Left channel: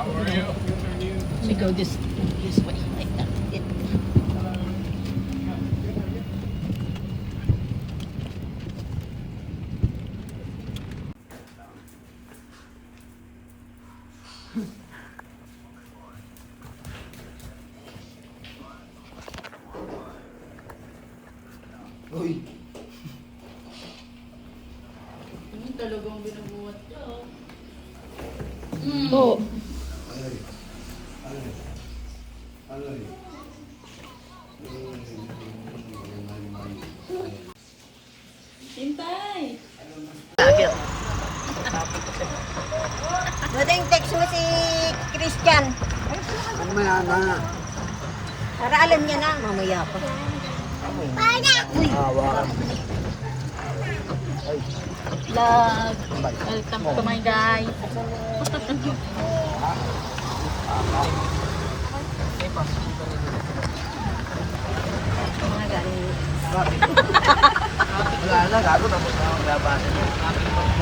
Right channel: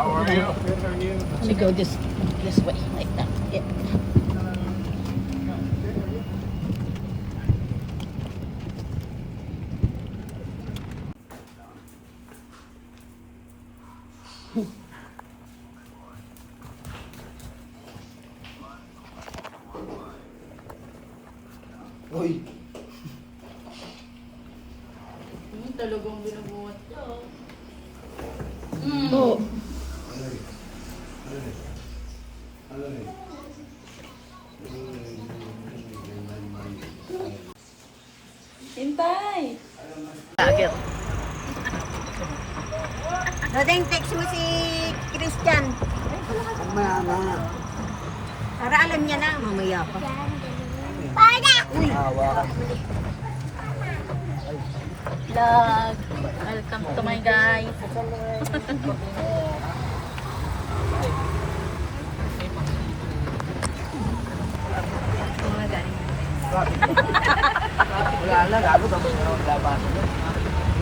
How are you? Let me go this way, like that. Yeah. Uy. Talagang binubuhat ko. Oh. Hintay! Agad. Dating text mo si Christian. Mamaya na. Para alam niya na. Mamaya pa. Hawakan. Vlog! Welcome to my guys! Wala na, gago tapos na ang labasan na.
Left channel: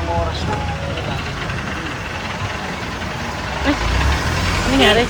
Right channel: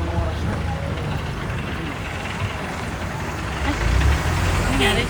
Mga oras na. Ano nangyari?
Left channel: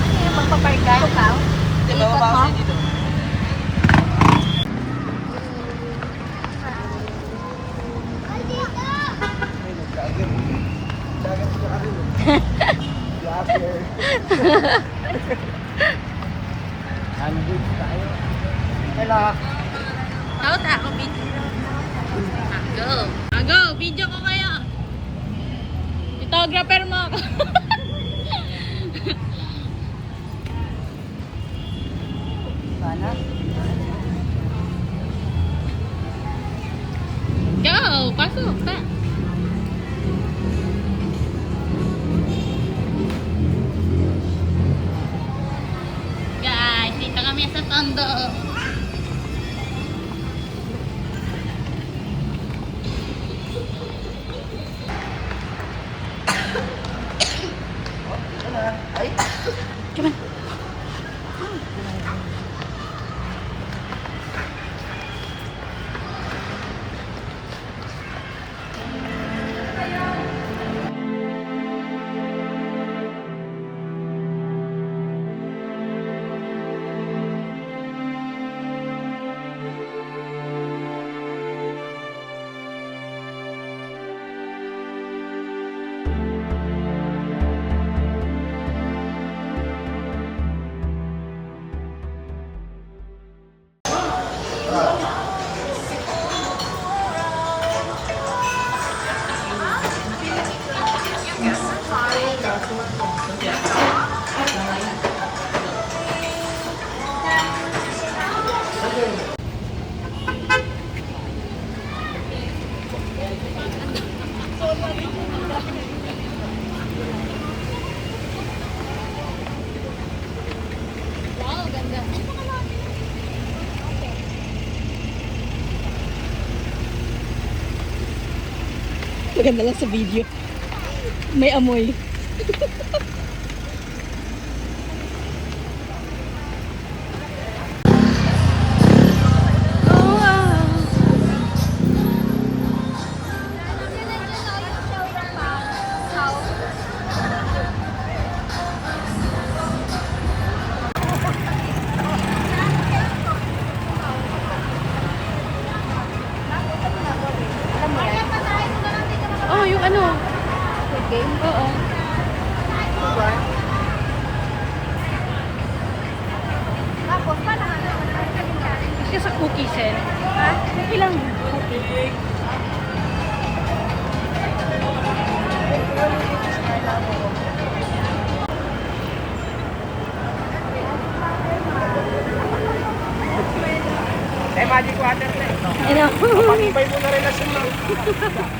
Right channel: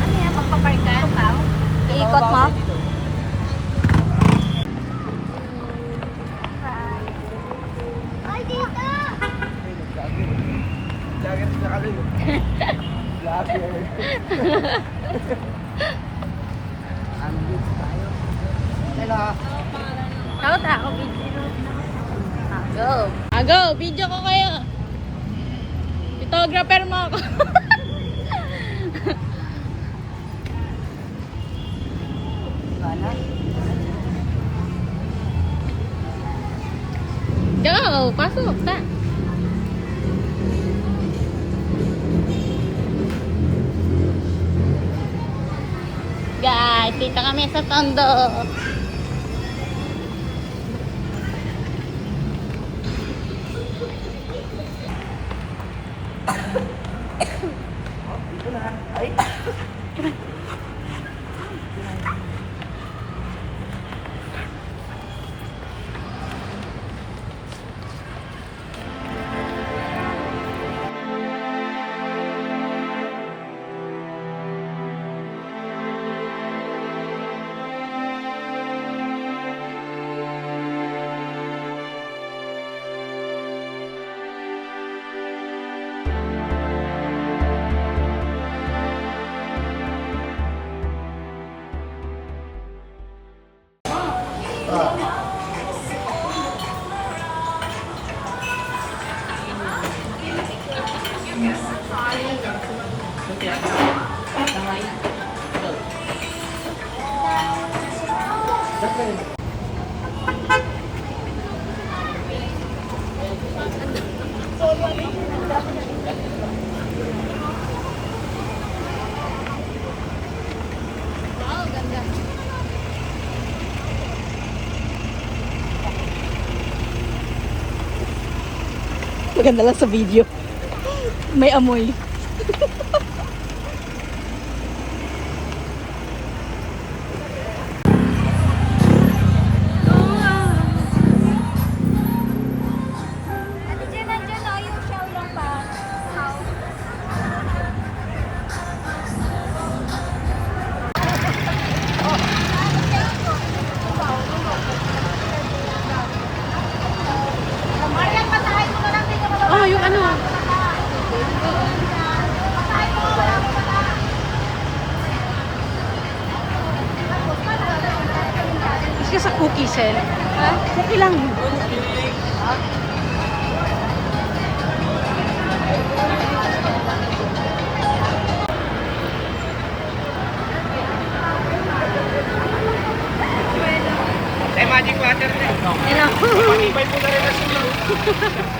Ano yan? Magpaparigay ka? Ikot mo? Lager siya kalil. Ano ba ito tayo? Kaya Dapat ako video. Go! Go! Video ko kayo! Photographer mo ako. Gana? Go! Pasok! Ta! Guys, dito kami sa Tondo. ay. Wow, ganda. Maganda lang sa video. May amoy. Oh, yung ano? Oo. Cookie, Sel. Cookie lang. Cookie. Ano?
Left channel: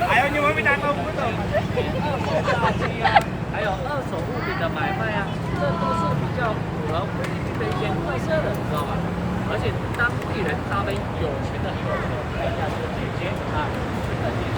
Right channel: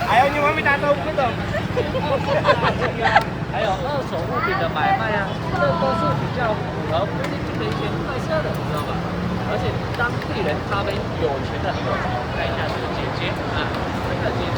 Ayaw nyo mami, tatulog nito. 还有二手物品的买卖啊，这都是比较符合我们这边特色的，你知道吗？而且当地人他们有钱人都有开一下这个姐姐啊，这个姐姐。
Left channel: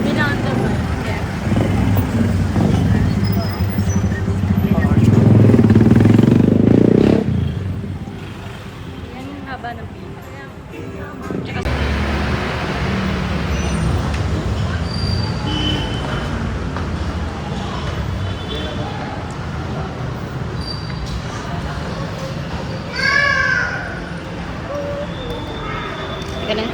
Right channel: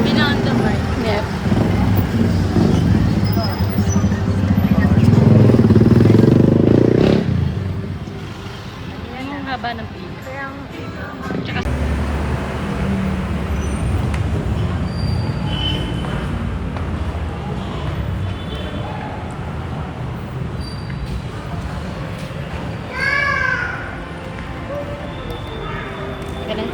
Binanda ba? Yep. Yung haba ng pila. Tsaka Teka na.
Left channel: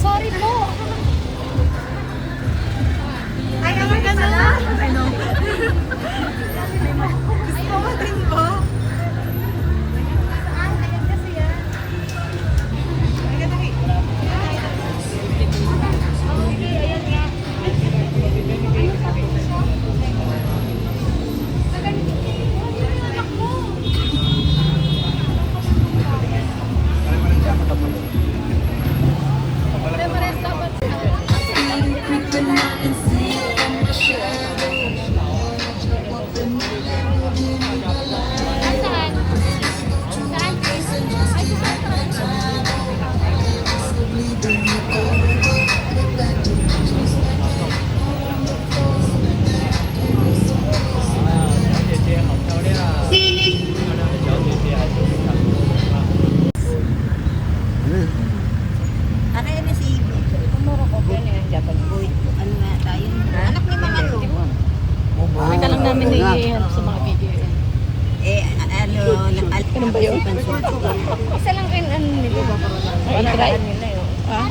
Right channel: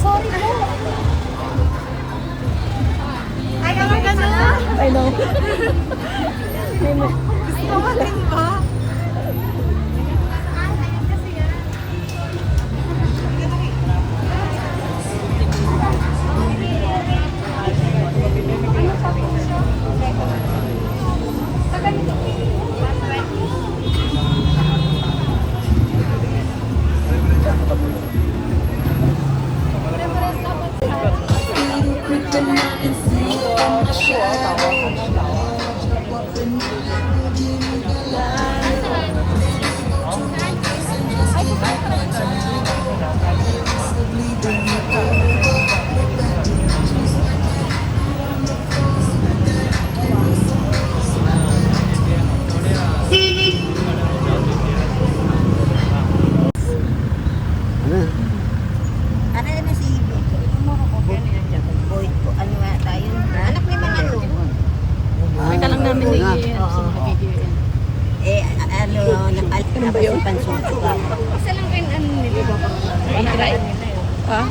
Sorry po. I know. Gusto mo din ba? Ano na si ano nga tayo? Anak ni mga ano? Kita lang namin sa mga video yan. Ano, Ganun ba yun? Isa lang rin ano nila ba? Try nila yun. Ah?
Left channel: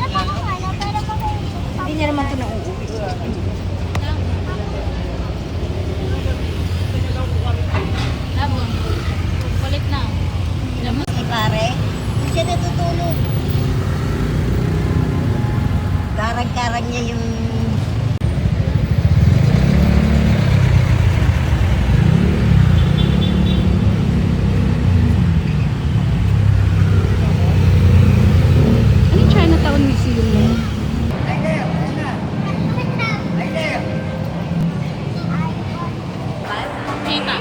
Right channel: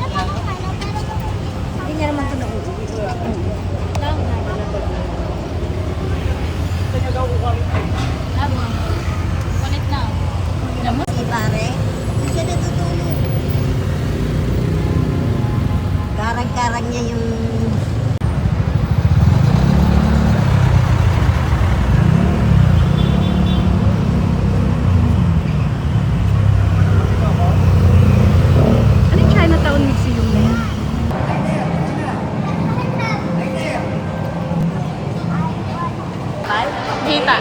Hindi niya naman ito nauuwi. Kulit na. Si pare, hindi siya natutulog. Karag-karag niya yung Ano yung Chinatown Museum na yan? Kita.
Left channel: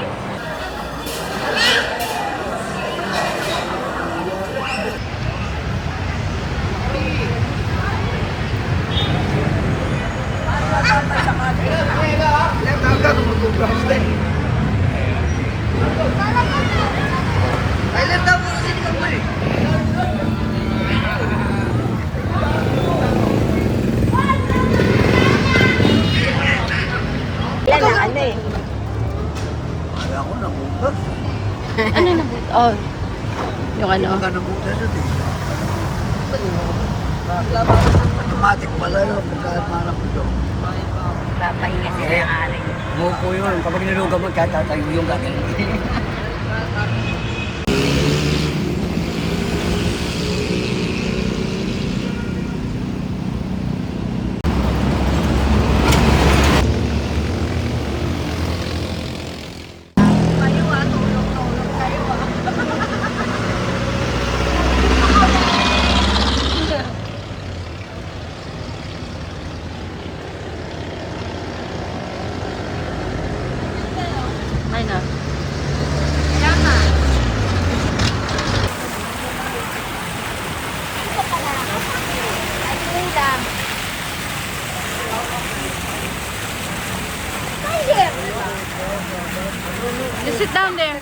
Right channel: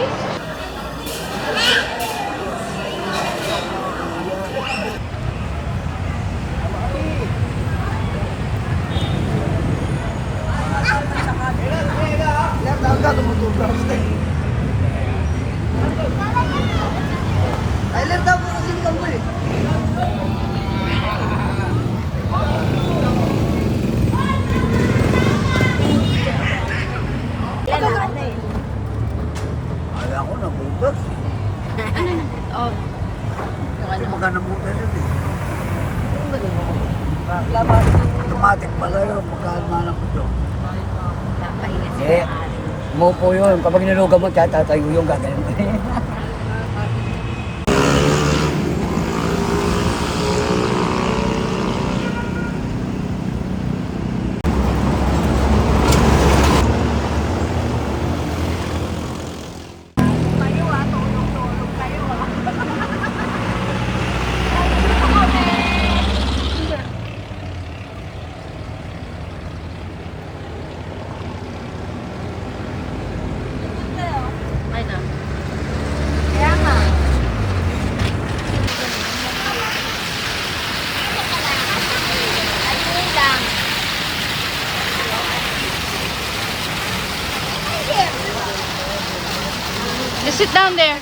ano eh. Ano na? Oh. Yung ano? Automatic pala yun. Papahinga sila ng aray. Mo po yun. Kapag nilugaw mo, kahit tatay mo yun dati. Just sit down there.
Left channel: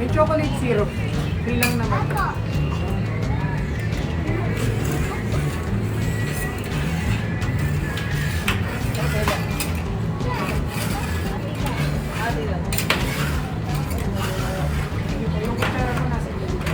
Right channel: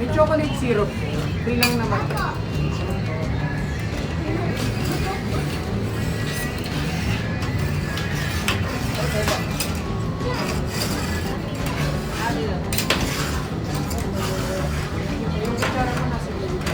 May chocolate syrup. Free lang naman. Yung kutsara ko nasa gilid.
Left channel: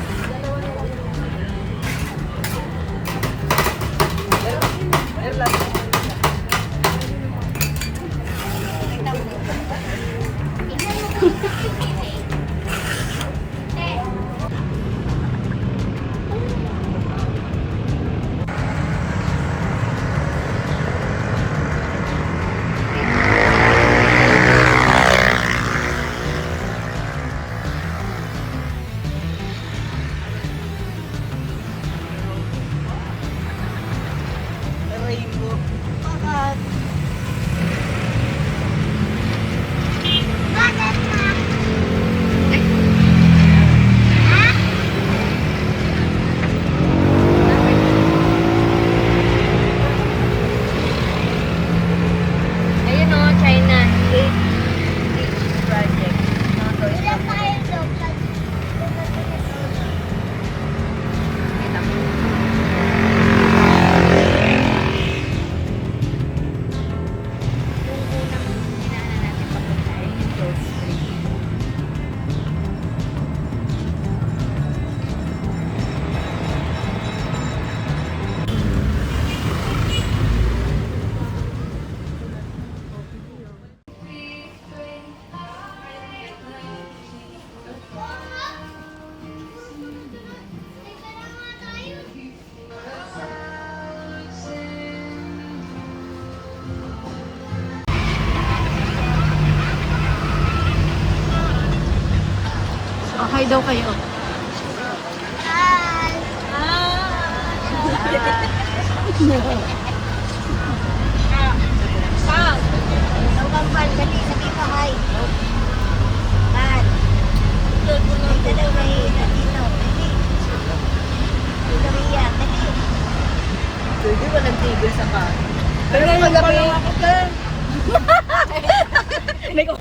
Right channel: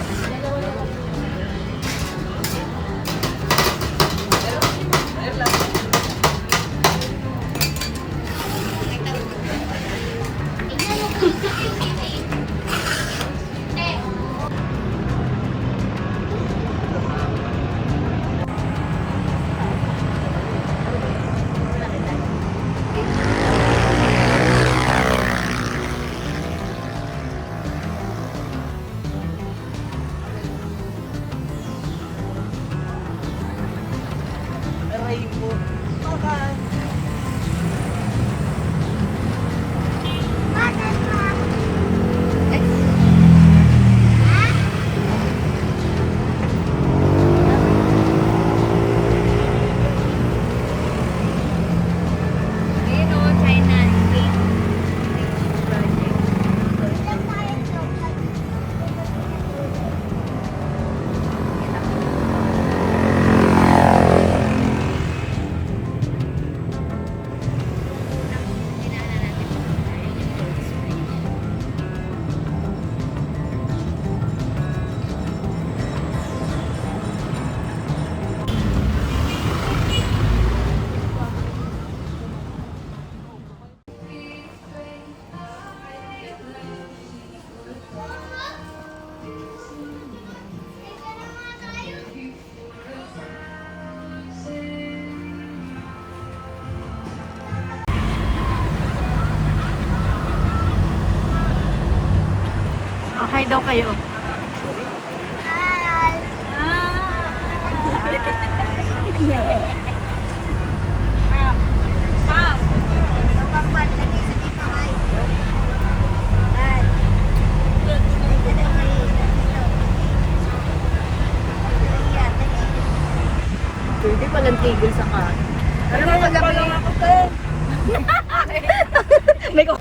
Ayun o, China. Okay daw kayo. Pwede walang tigil sa ka. Pero magabi. May ko.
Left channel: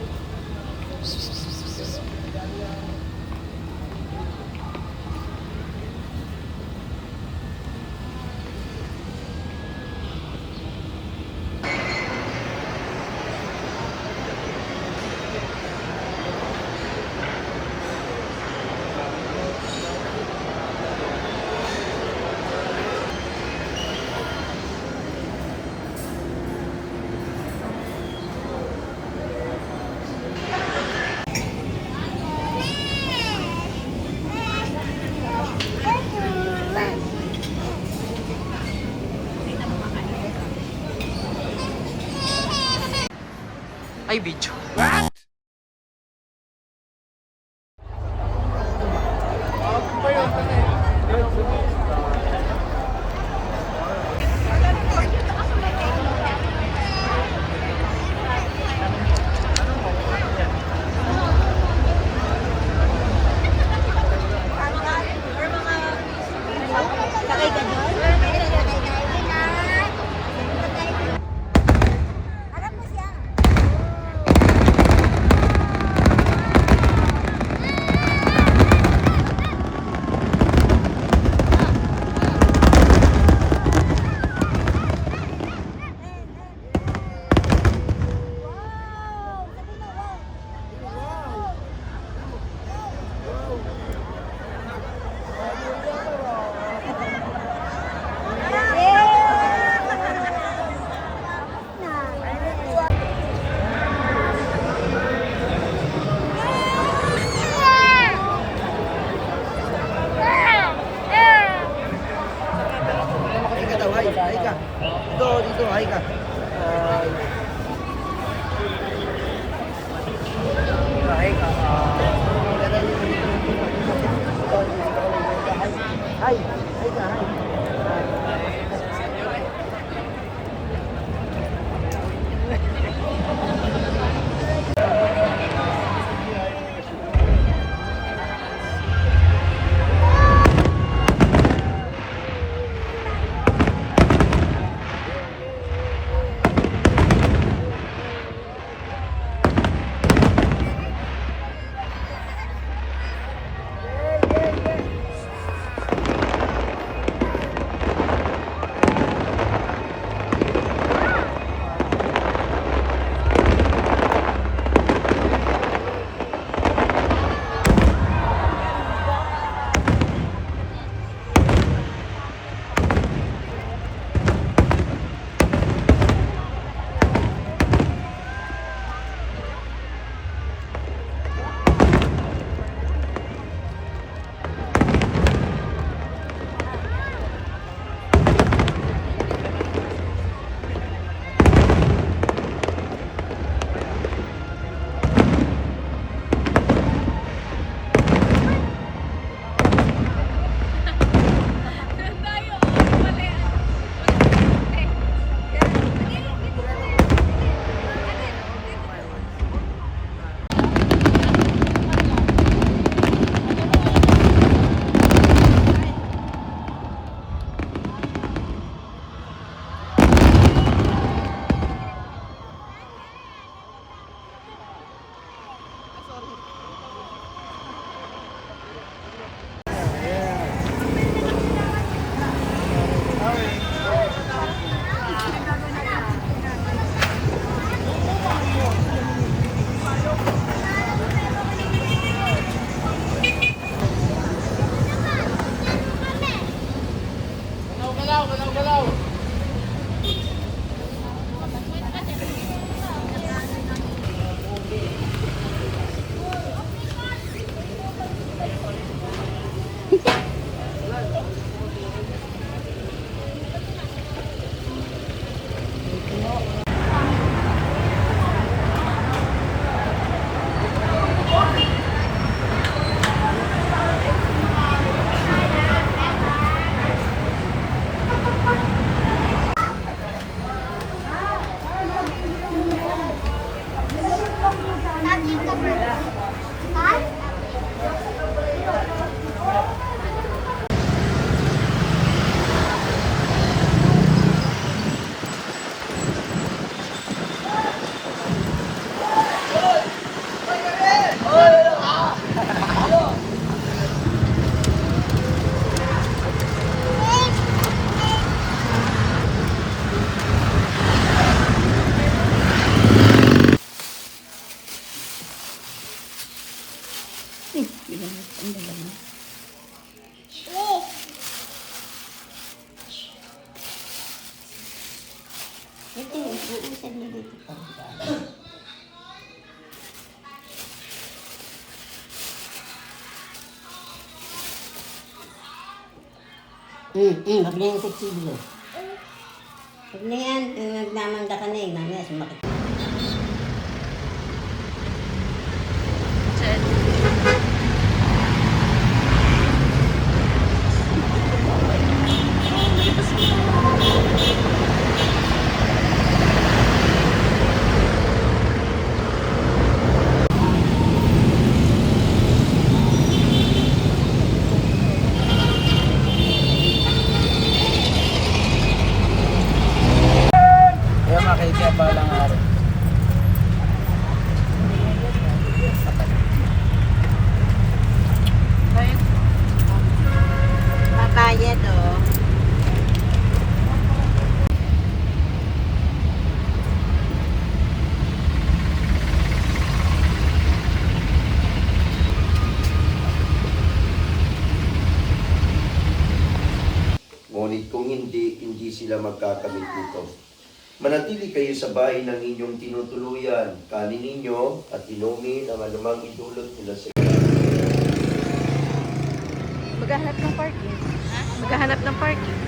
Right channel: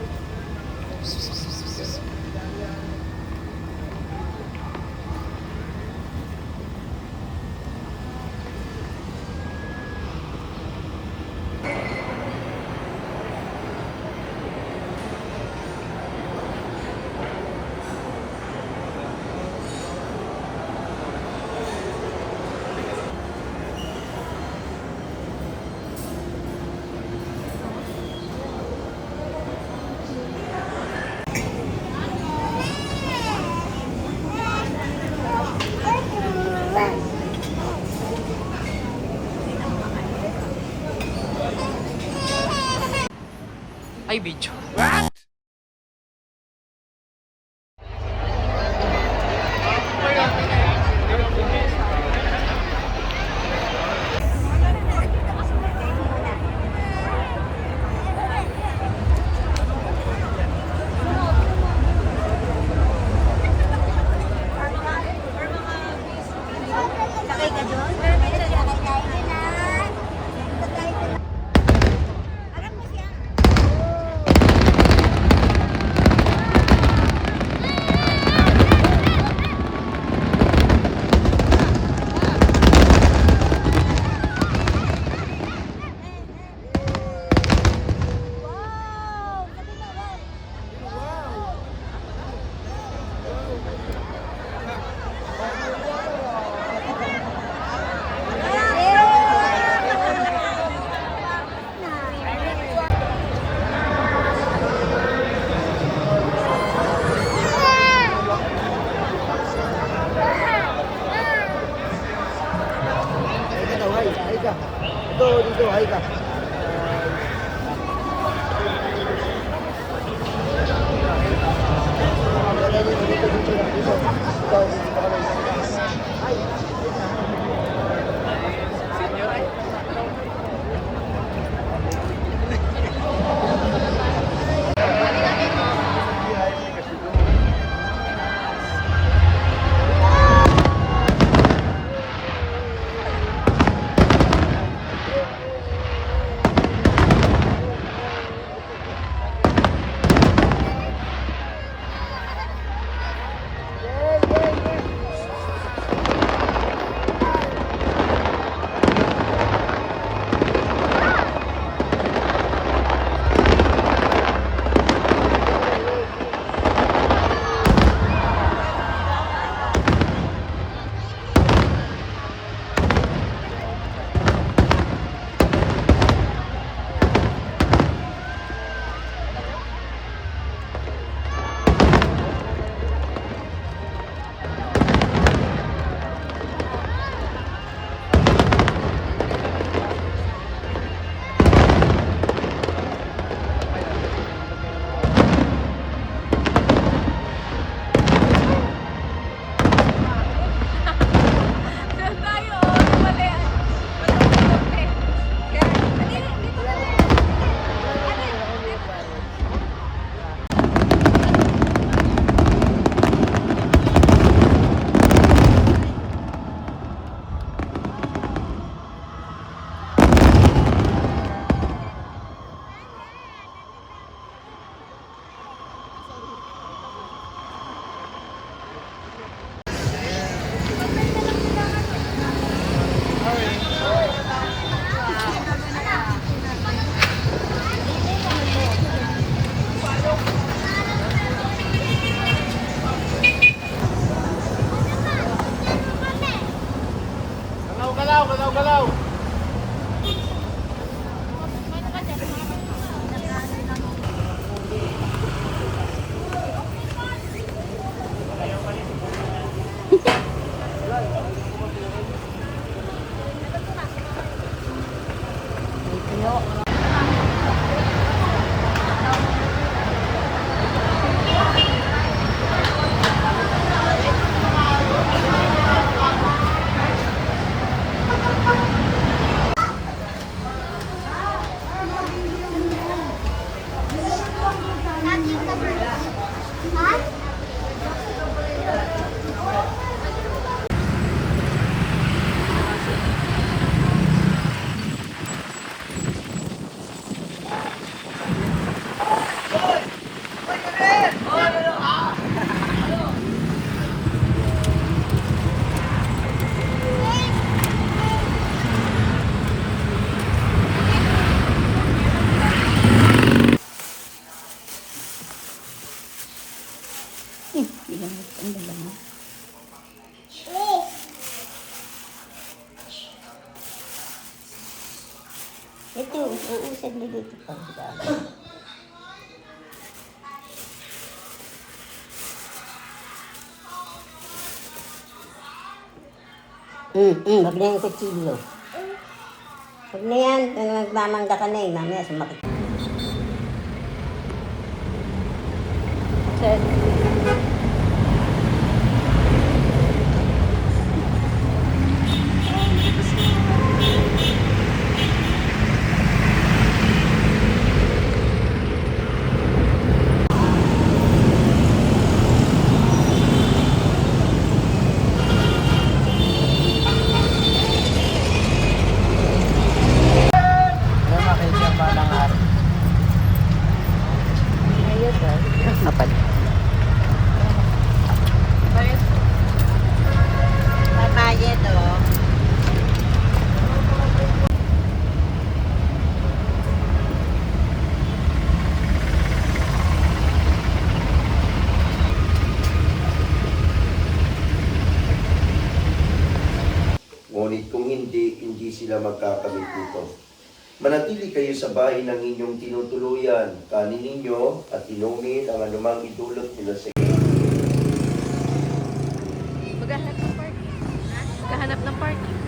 Ay, video. Sakay ka doon? ka. Ito, dito, hi ka. Hi. Ito, uusad na dito pa. Wag na yung kutsilyo. Wag na yan, nagmamangga ka na eh, mamaya sumakit. Kaya makikita pa lang araw. Apat. Makaya to. Ngunit kung hindi sila magkakamit nito. Manatili kayo sa bahay ng inyong tinutuluyan. Kanin ninyo at inumin ang anumang idulot nila sa Maghahanap ng parking. Maghahanap ng parking.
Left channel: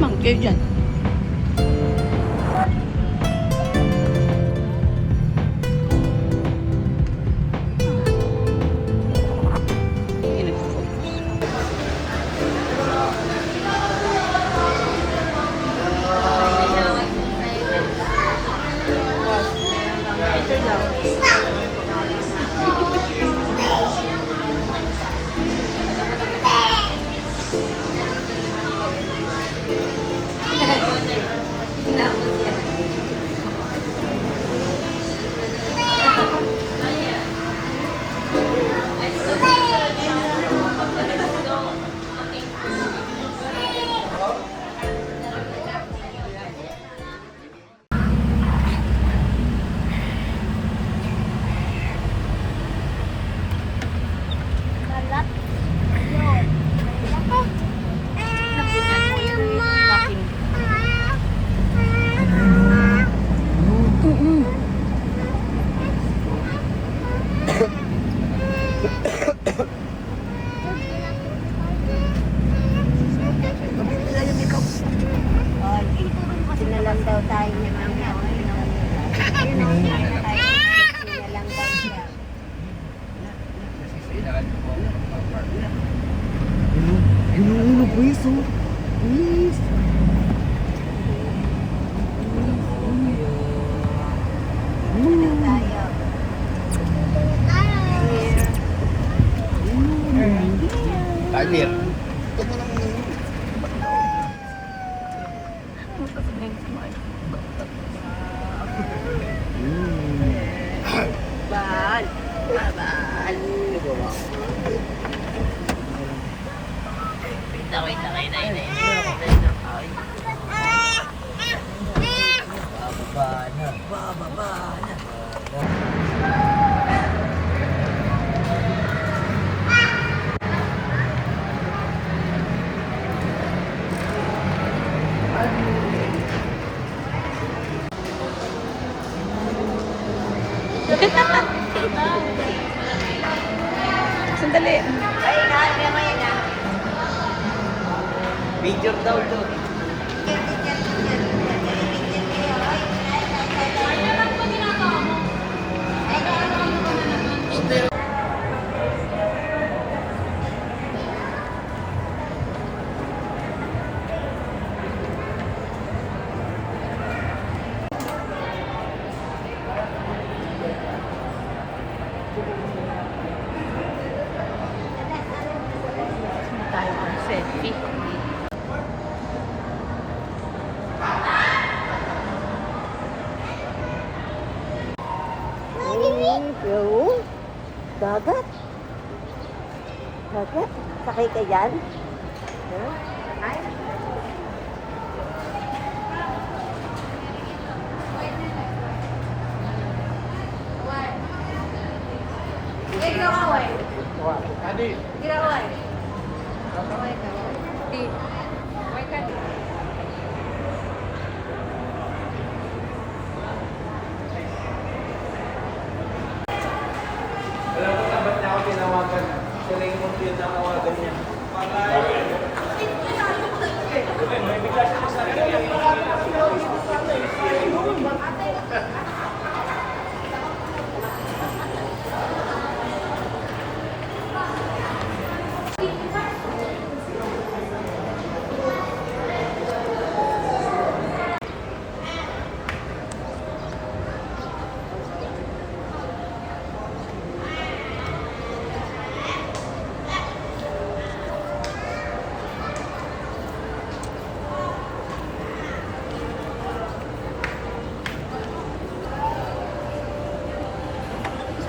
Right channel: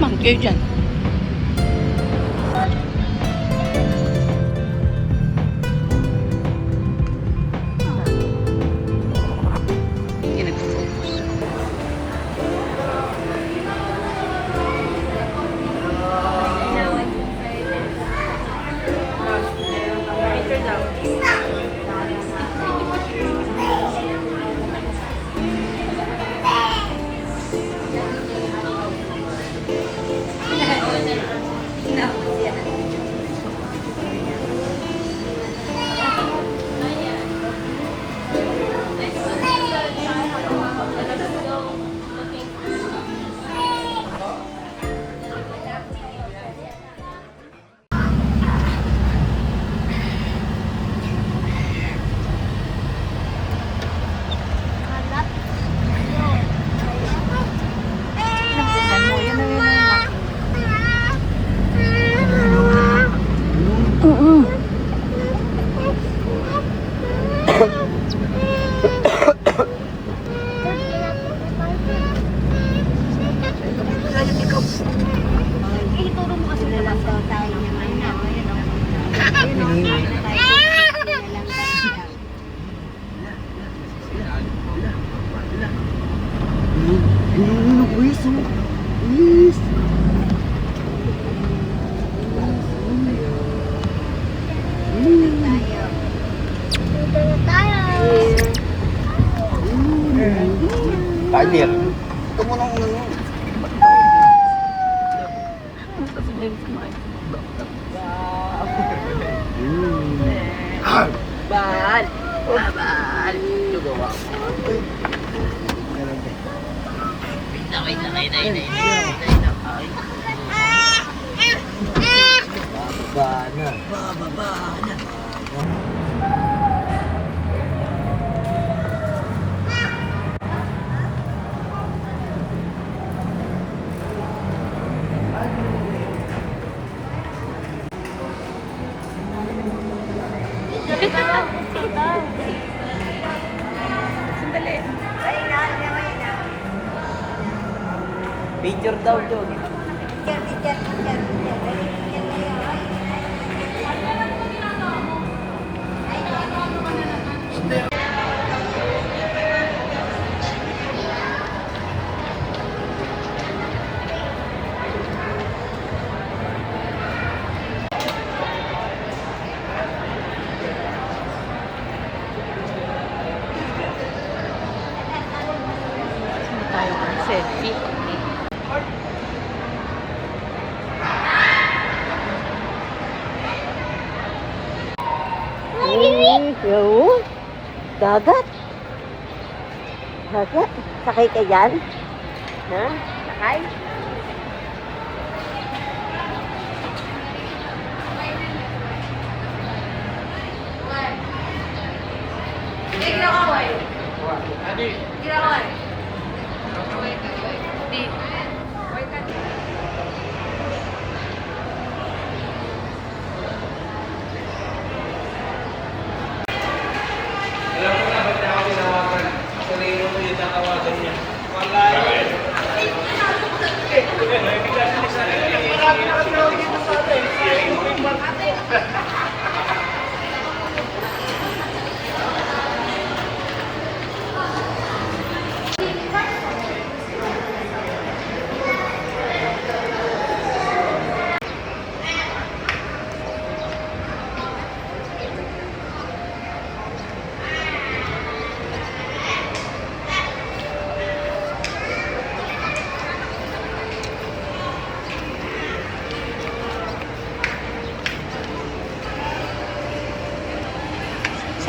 Mang kayo dyan. Hindi nagpo-focus. Partner. Sandali. Picture daw doon. Tayo ka selfie. Yo, dagat. Dagat. Sakay ka dyan? Ha? Sakay?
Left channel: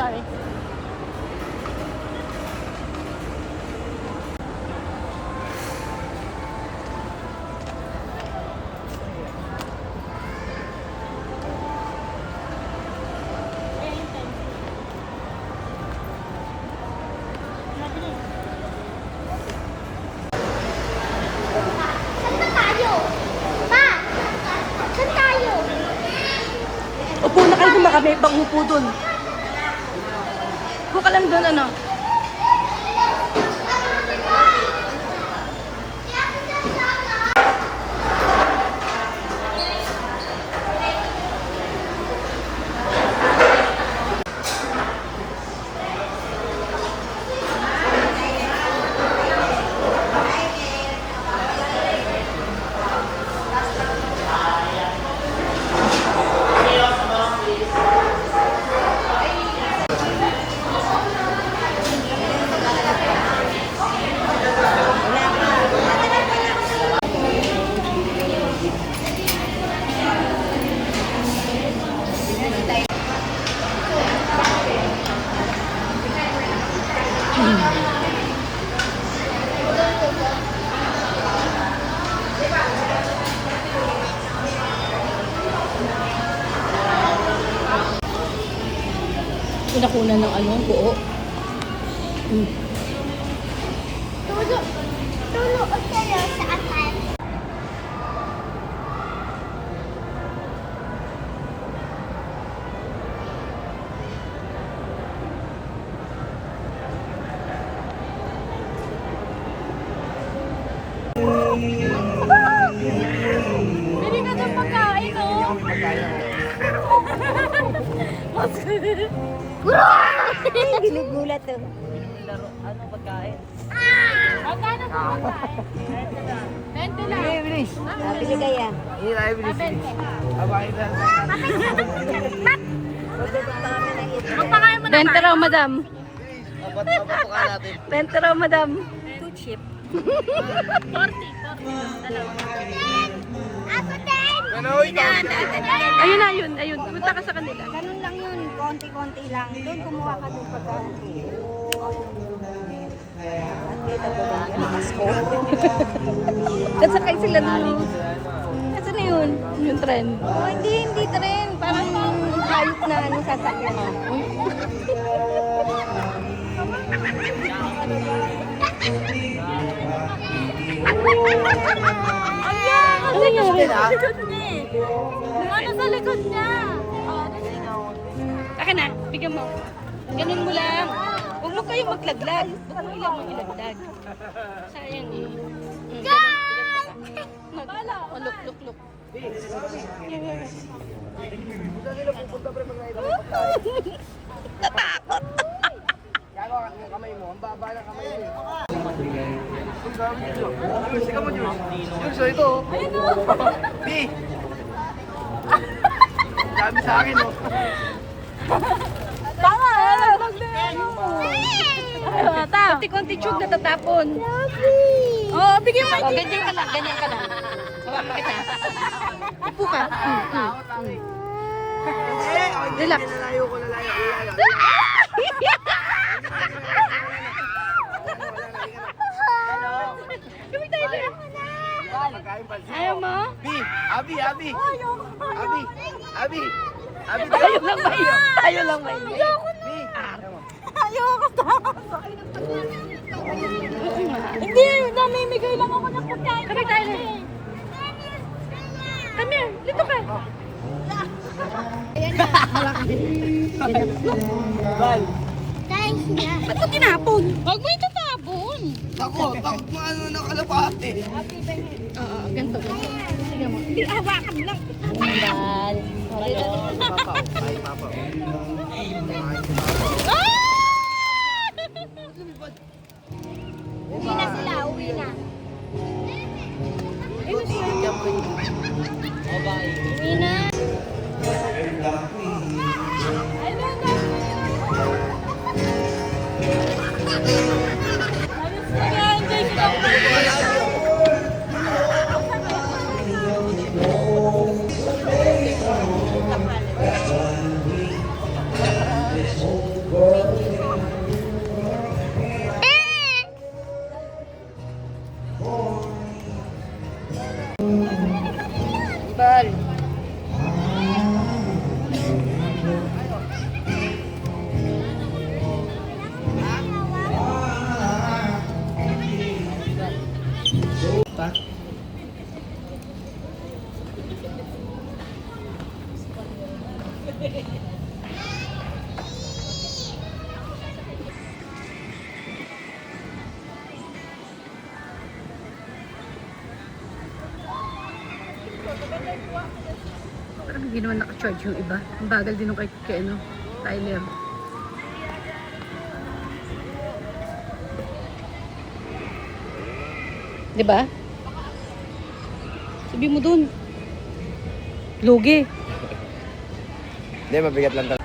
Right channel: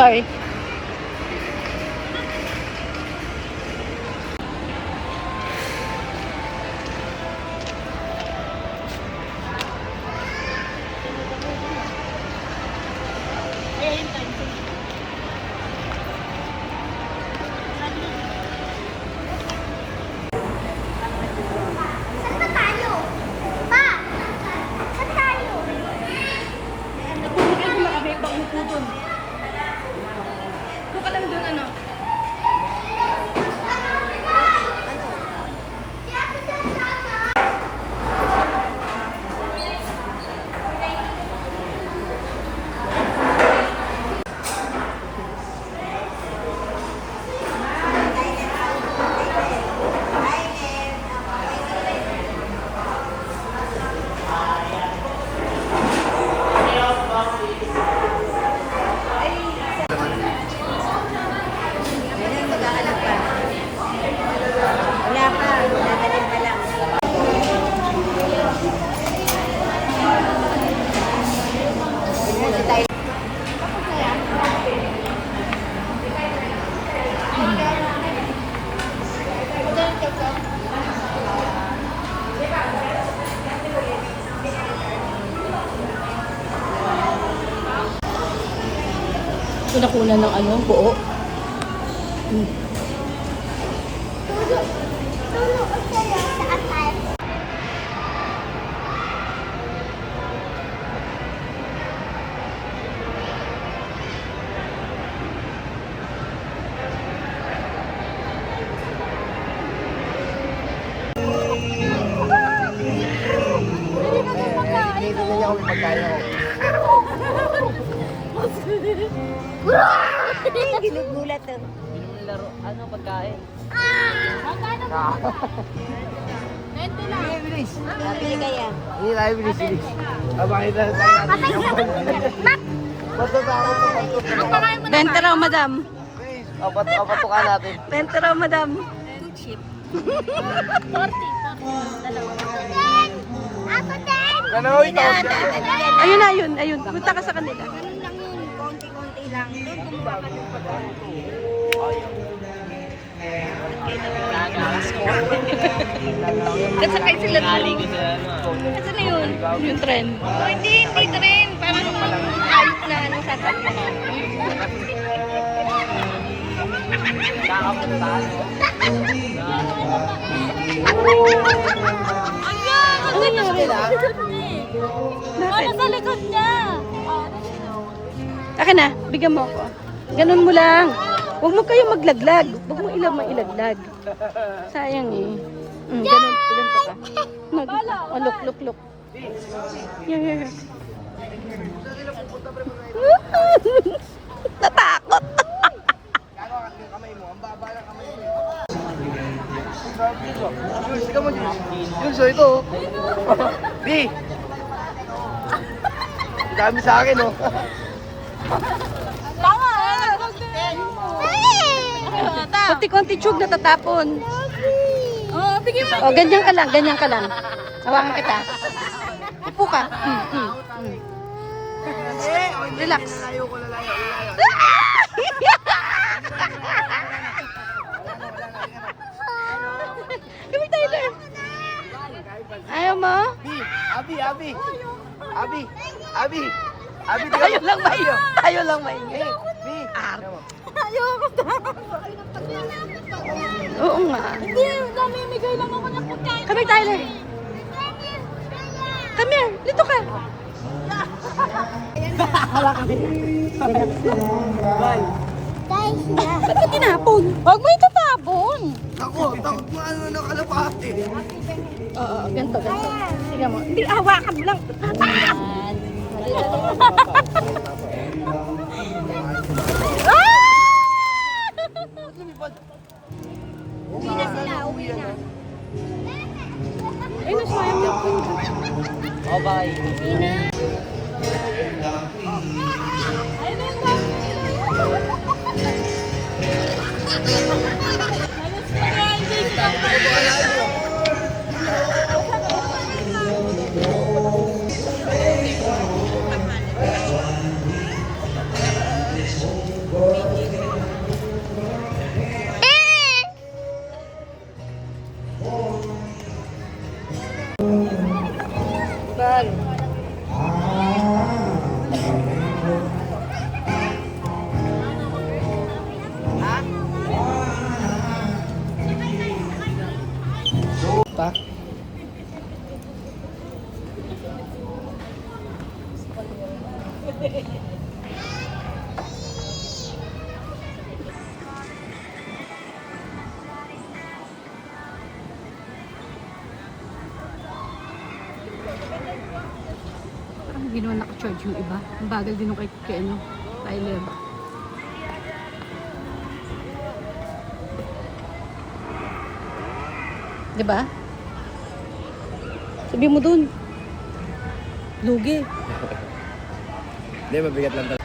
Sorry. Upo na kayo na kami, bang upo dun. Upo ka lang dun, ano? Ito nakuna ng ano, buo. Hindi niya kami pagkaya ko. Ginugulat eh. Ano pagkain? Bilis. Bili kaya. Hindi tayo bilis. Abay na tayo. Benta raw, madam. Patuka natin. Benta raw, madam. Two chip. 40. Dalawa. Ano ikaw? Ayun na, ayun. Punta ka sa kanila. Ganun lang yun. Konti-konti lang. Then kumuha ka ng Kasakay sila doon. Kasi na yun. Yung trend. Oh, hindi train. Parang ayok na ano sasakyan. Ano nangyari? Ano sa likod niya? Akin na, bigyan mo ako. Ganun mo lang. Huwag mo kayong maglaglag. Huwag mo ilaglag. Sayang eh. Ganun pa ka. Look. Here. Natakot. Yun, so ito. Di. Dami sa akin, oh. Konti-konti chug natatapon. Oh, bigyan mo. Oh, ganyan ka lang. Hawakan kita. Upo ka. Relax. Lalayo ko, lalayo. Come Tyler. Ayaw mo? Abi. Tayo lang ba yun? Art. Ayoko to. Oo nga. Hindi, namimigay lang ako ng pagkain. Come Tyler. Come here. Dito ka. Thanks niya. Ba't mo tinapon? Huwag mo itatapon. Takot mo ano nakalapate. Oo, ganito. Sige mo. Hindi, hawakan mo lang. Uwi na sila, uwi na. Bye. Uwi na. Bal. Parang hindi naman naka-charge yung iba. Ang bagal din yung kay ano, Tyler. Diba? Sabi mo dun. Lugi. Hindi, mabigat lang talaga.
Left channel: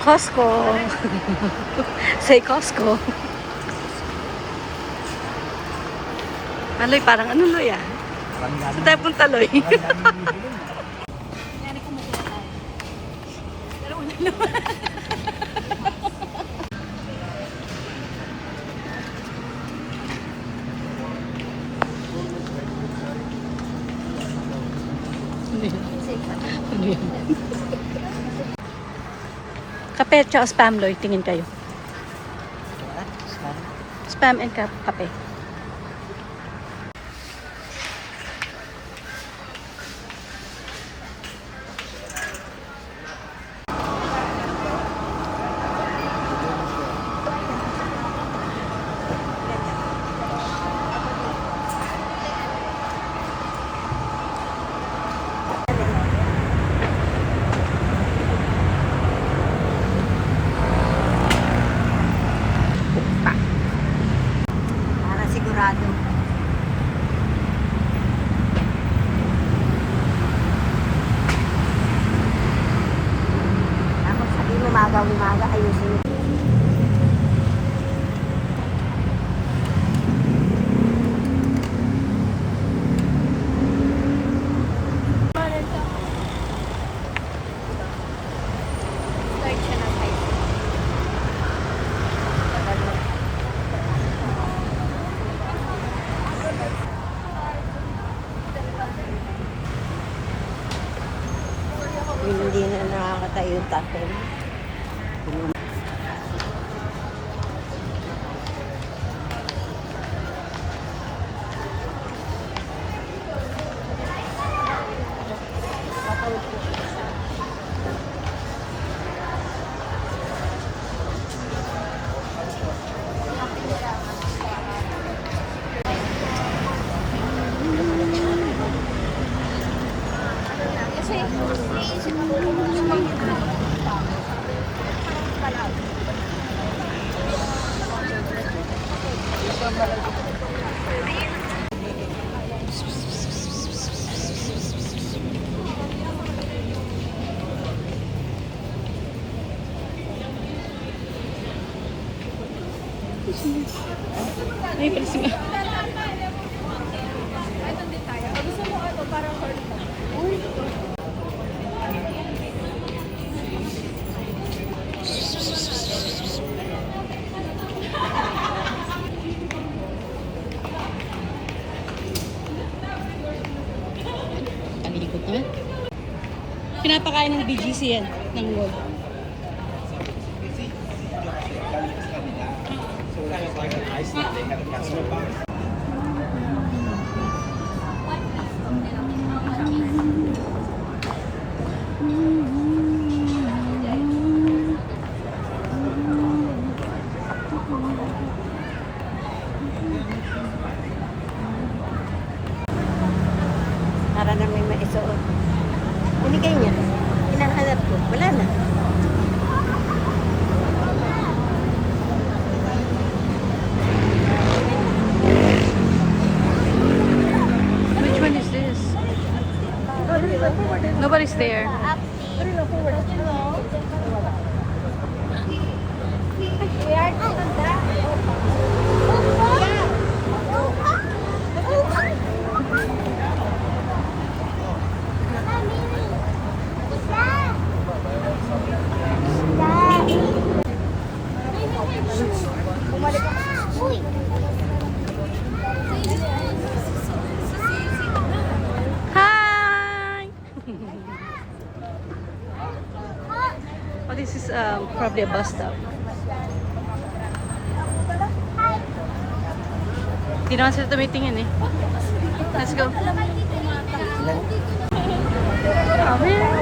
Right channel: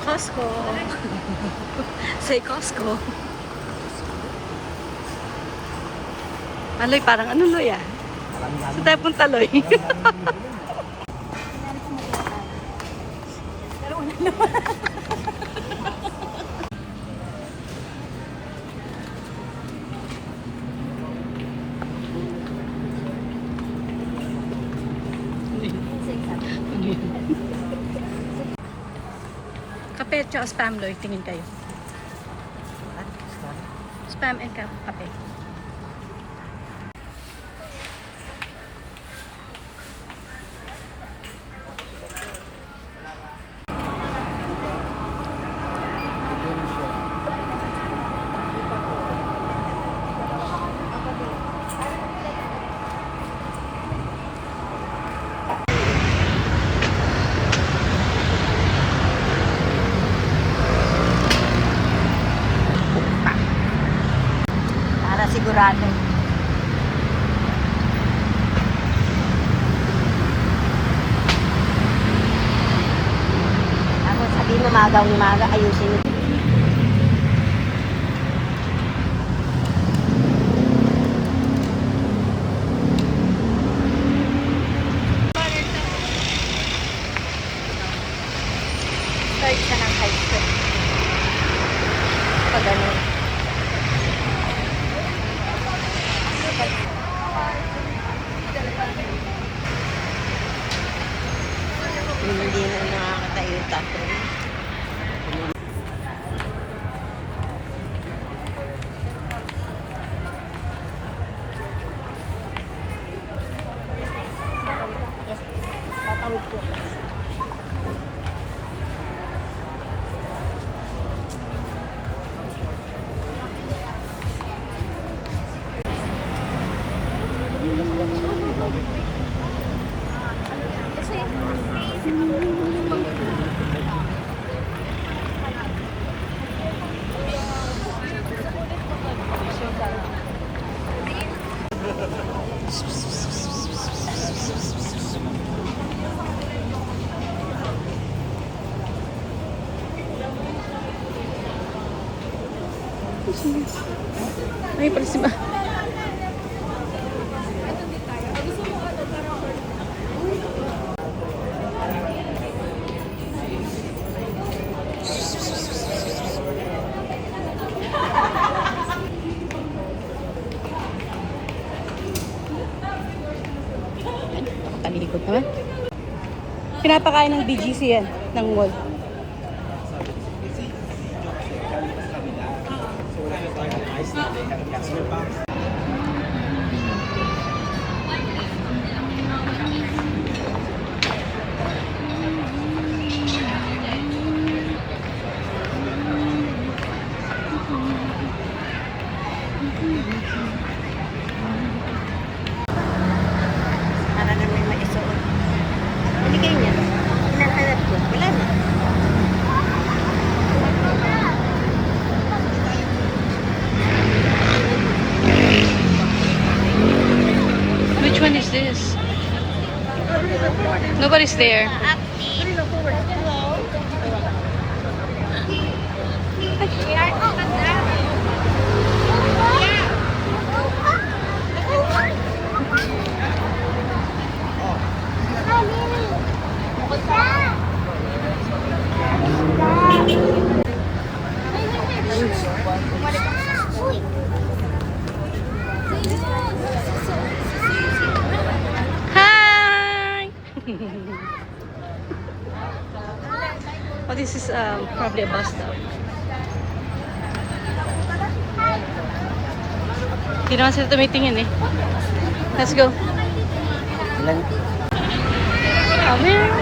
Costco. Say Costco. Maloy, parang ano Loy ah? Saan tayo punta Loy? Kape at spam Loy, tingin kayo. Spam and kape. Para sigurado. Tapos sabihin umaga, ayusin mo. Start siya ng high school. Pag ano. Hindi na nakakatayo yung tapo. Ay, pala si Ma. Talikod naman. Pinapakain ng BGC yan, ng mall. Nobody's there. Hi! Oh, this is probably a bus stop. Hindi naman sila tumitingin eh. Let's go. Come here.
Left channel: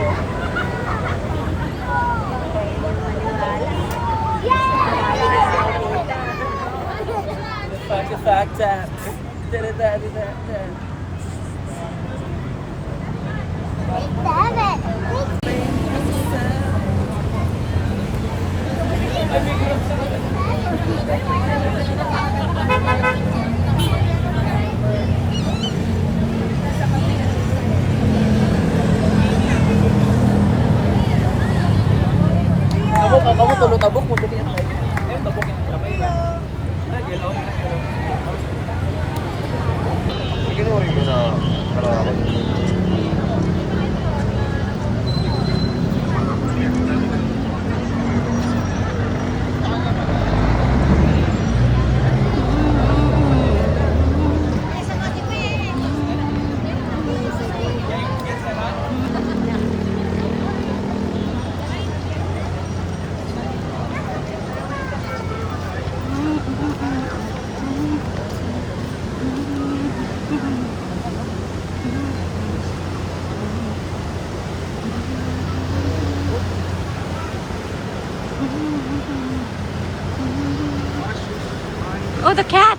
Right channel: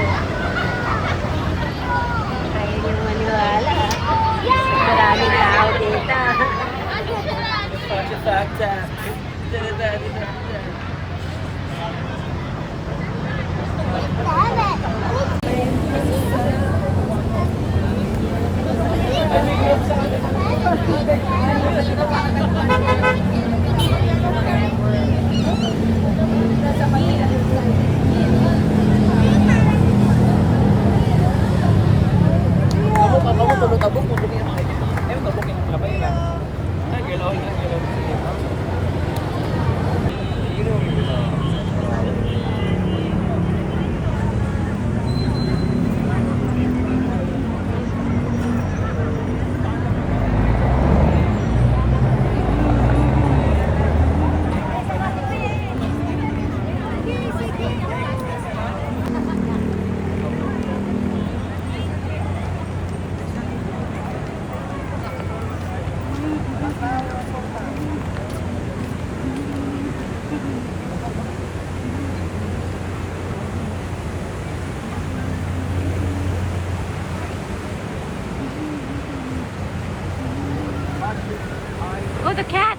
Oh, the cat!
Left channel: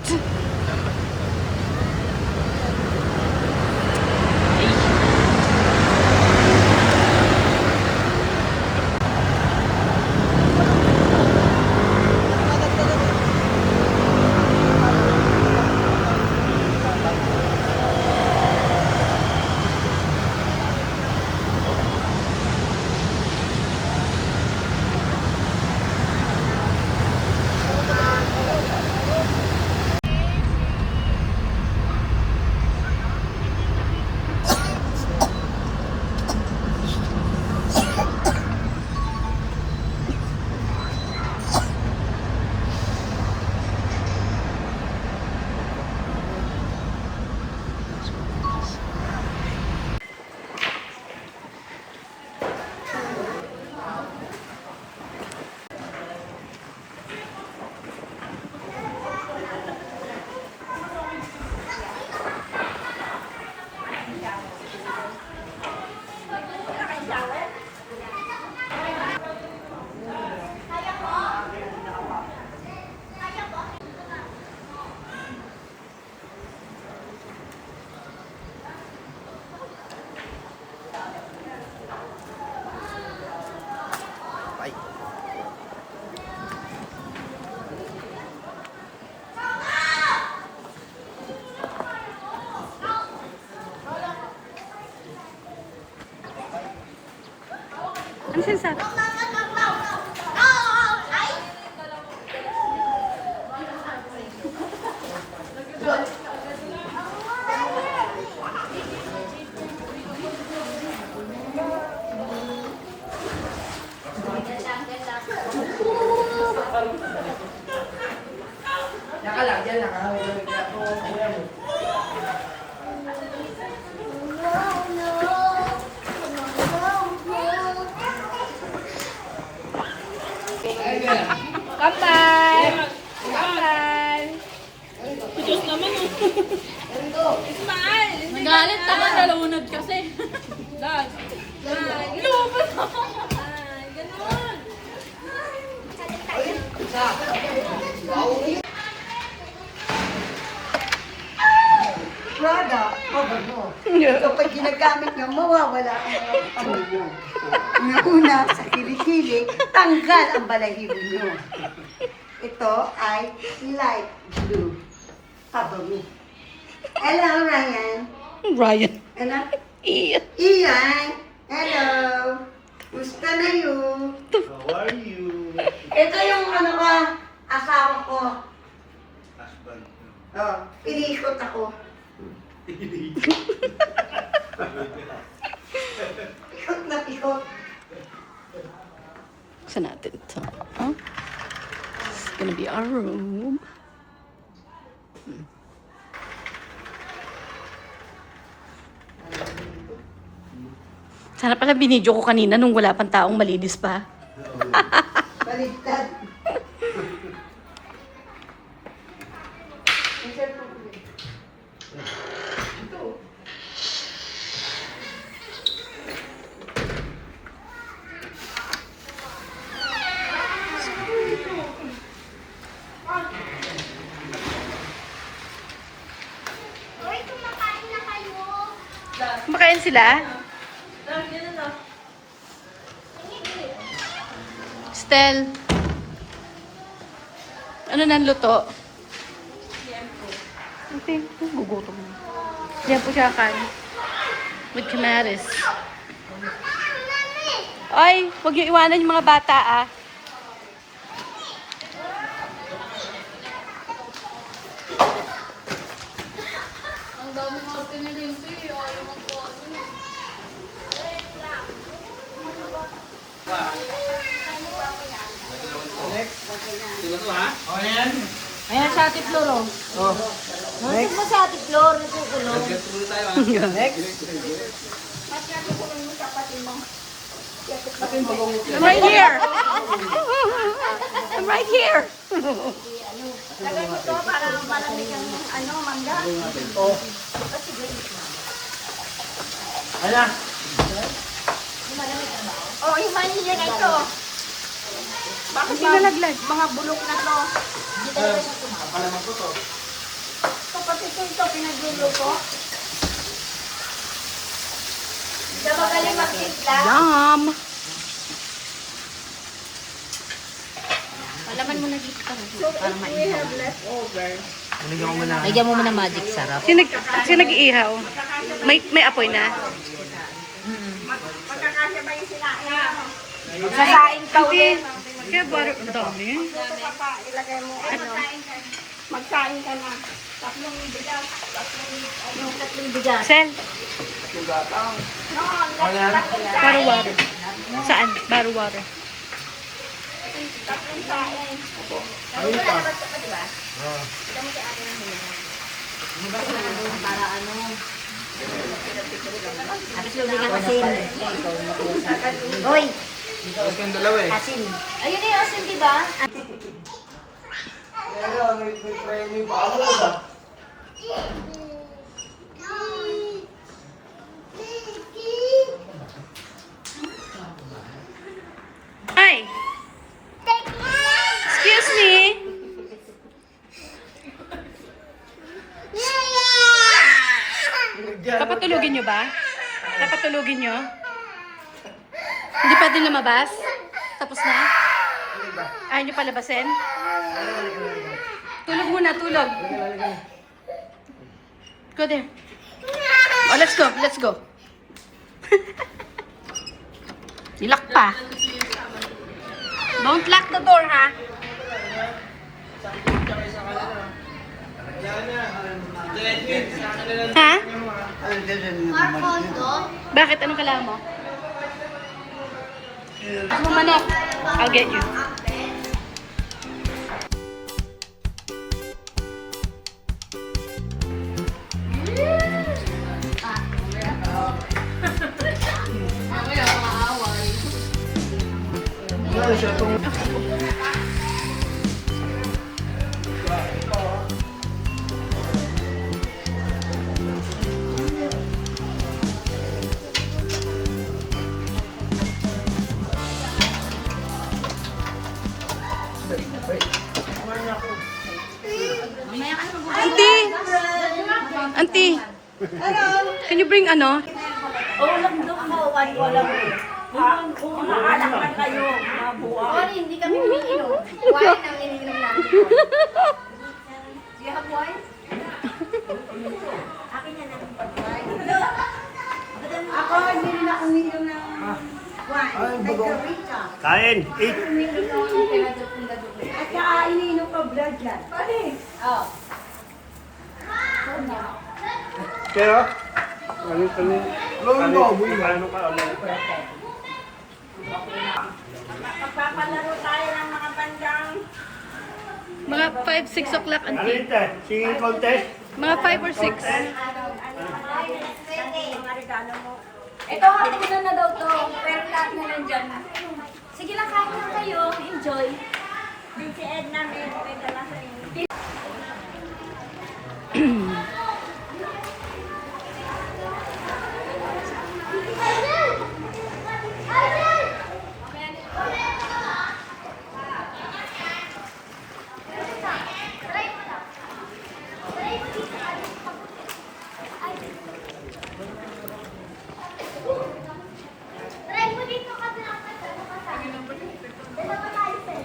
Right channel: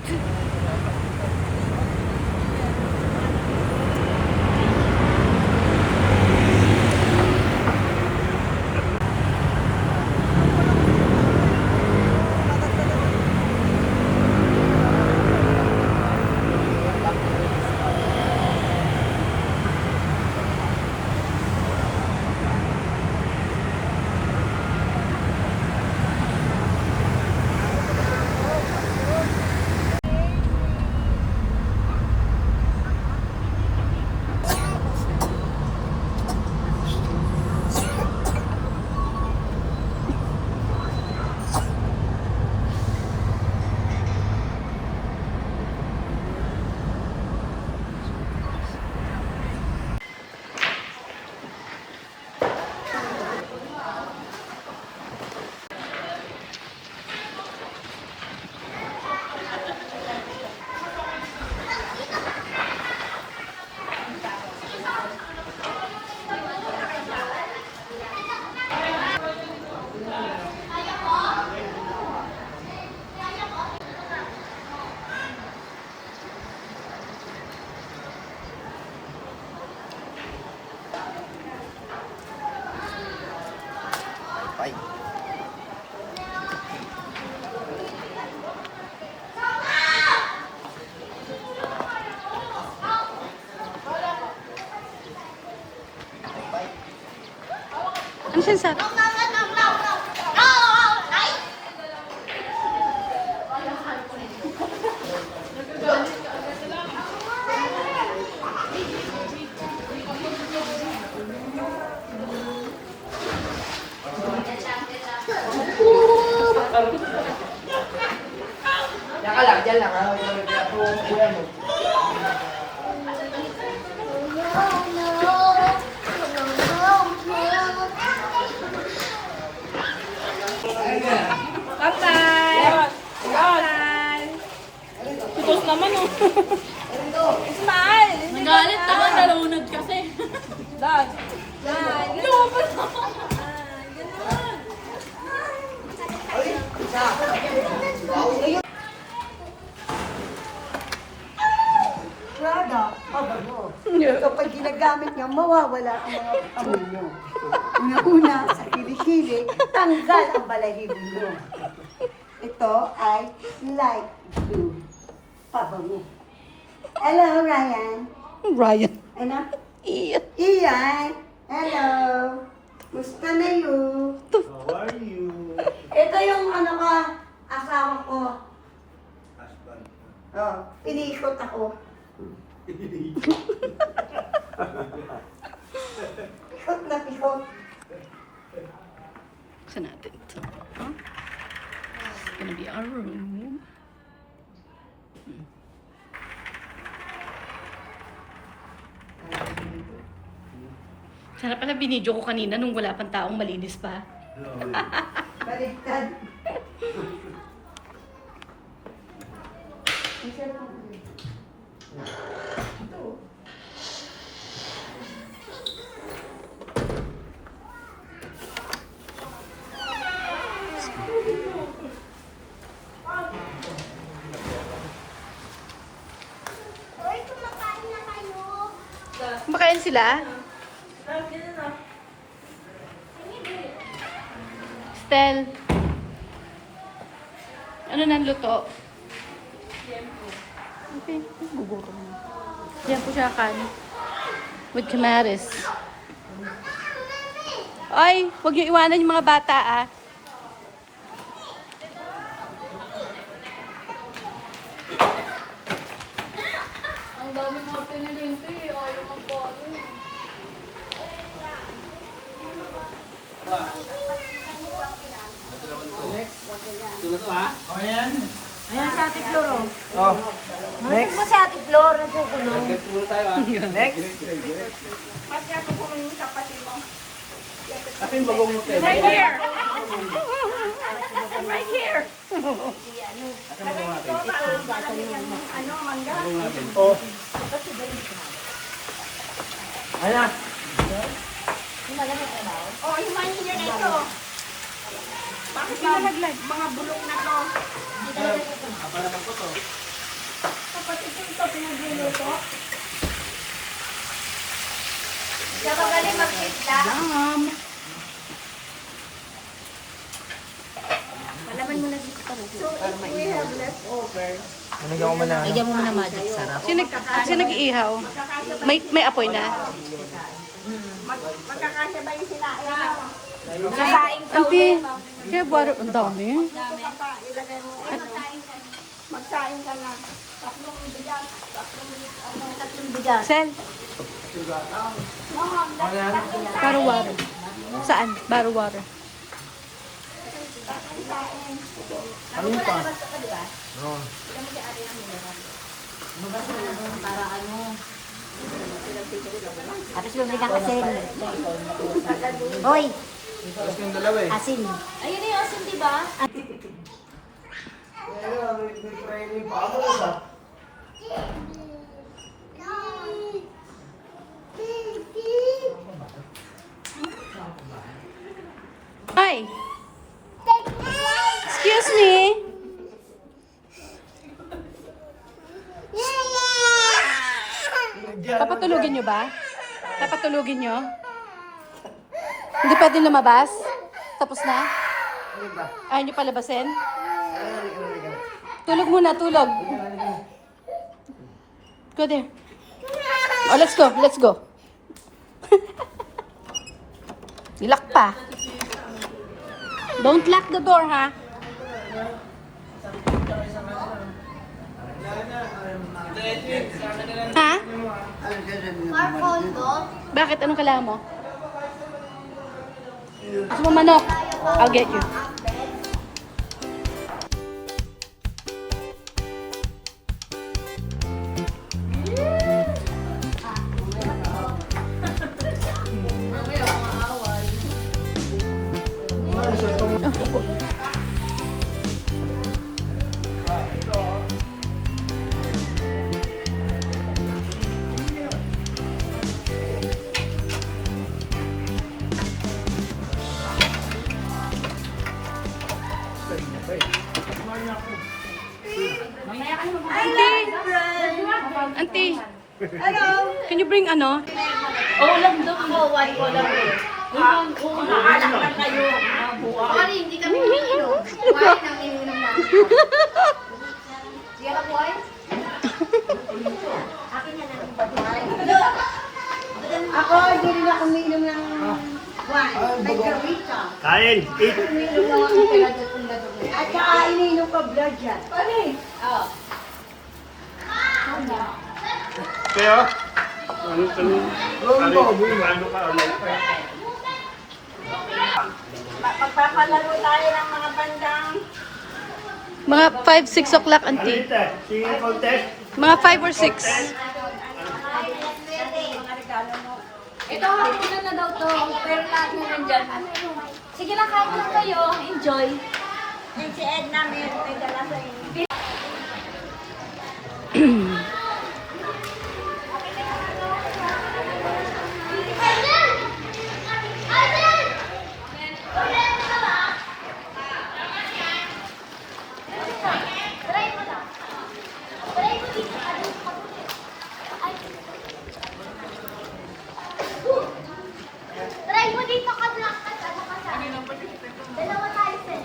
Ano sinasabi? Nagalit naman, nalunod kasi. Lumabas ako. Prada, kapag ginagamit nyo, mawawala ang mga amoy nyo. Una-una, sa kilikili, tanggal ang balahibo nyo. Ito ay light blue. Pabami. Hello, Ryan. Ryan. Ano? Iyan. Iyan. Hello. Gusto na yun. How are you? Ito yung ano ka, asawa ko. Husband. Oh, pinikot ako. Pikot na pikot. Buksan natin ito. Huh? This is gonna be our room. Sana pala binidyo ko kanina nung wala pang taong malinis pa. Baliktad. Kumakain sila? Stel. Ano nang luto? Okay, gugutom na. Yan po siya kan. With kamaris. Oy, huwag niyo iwanan yung mga bata ah. Ayan sa Ate Flor, oh. Nusog mo sa Ate Flor, nagkukulong. I'm right here. I'm right here. Oh, yung mga hindi na ito. Bakit Pinalaglag. mga bulok na to? Dito na siya ito. Kapatid ko ito, pinagluluto. Hindi ka magaling magtitla. Yum. Malaman mo na dito. So, if we have leftover, Bigyan mo muna magic sarap. Sino nag-iihaw? May apoy na. magkakasabay sila. Magsasaing ka Auntie, kaya buwan ang dami. ilagay mo, ano, magsaing ka na. Tatlong bigas. Sel, baro water. Saan? Baro water. Para ano. Tapos yung bigang asin. Uy! Asin. Ayun na yung asin, di ba? Hi! Excuse me? Papatulugin nyo ba? Papatulugin nyo? Hindi pwede lumabas? Tapos na? Ayaw nyo palabasin? Tulog muna, tulog. Go there. Oh, let's go, let's go. Lock pa. Don't lock the door, ha? Ha? Bakit? Anong kailangan mo? Gusto mo manok? I'll get you. Auntie, can you bring ano? Sorry, hindi kami umiinom. Wine ang ininom namin. Do you have wine? Akin na lang. Ako, hindi na uminom ng Kain. Eat. At saka iniinom pa blood yan. Oh. Kaya? Ano ka ulit? Magpapalaro tayo ng mga bandang. Mga 5, 6 o'clock, auntie. Singing contest? Mga 5 or 6. Ito, hapunan na daw to. Pero lahat na nandyan. Sige lang, kaya lang kayo. Enjoy. Si Edna may dala sa inyo. Try mo dito ka lang. Dalawa tayo, sir.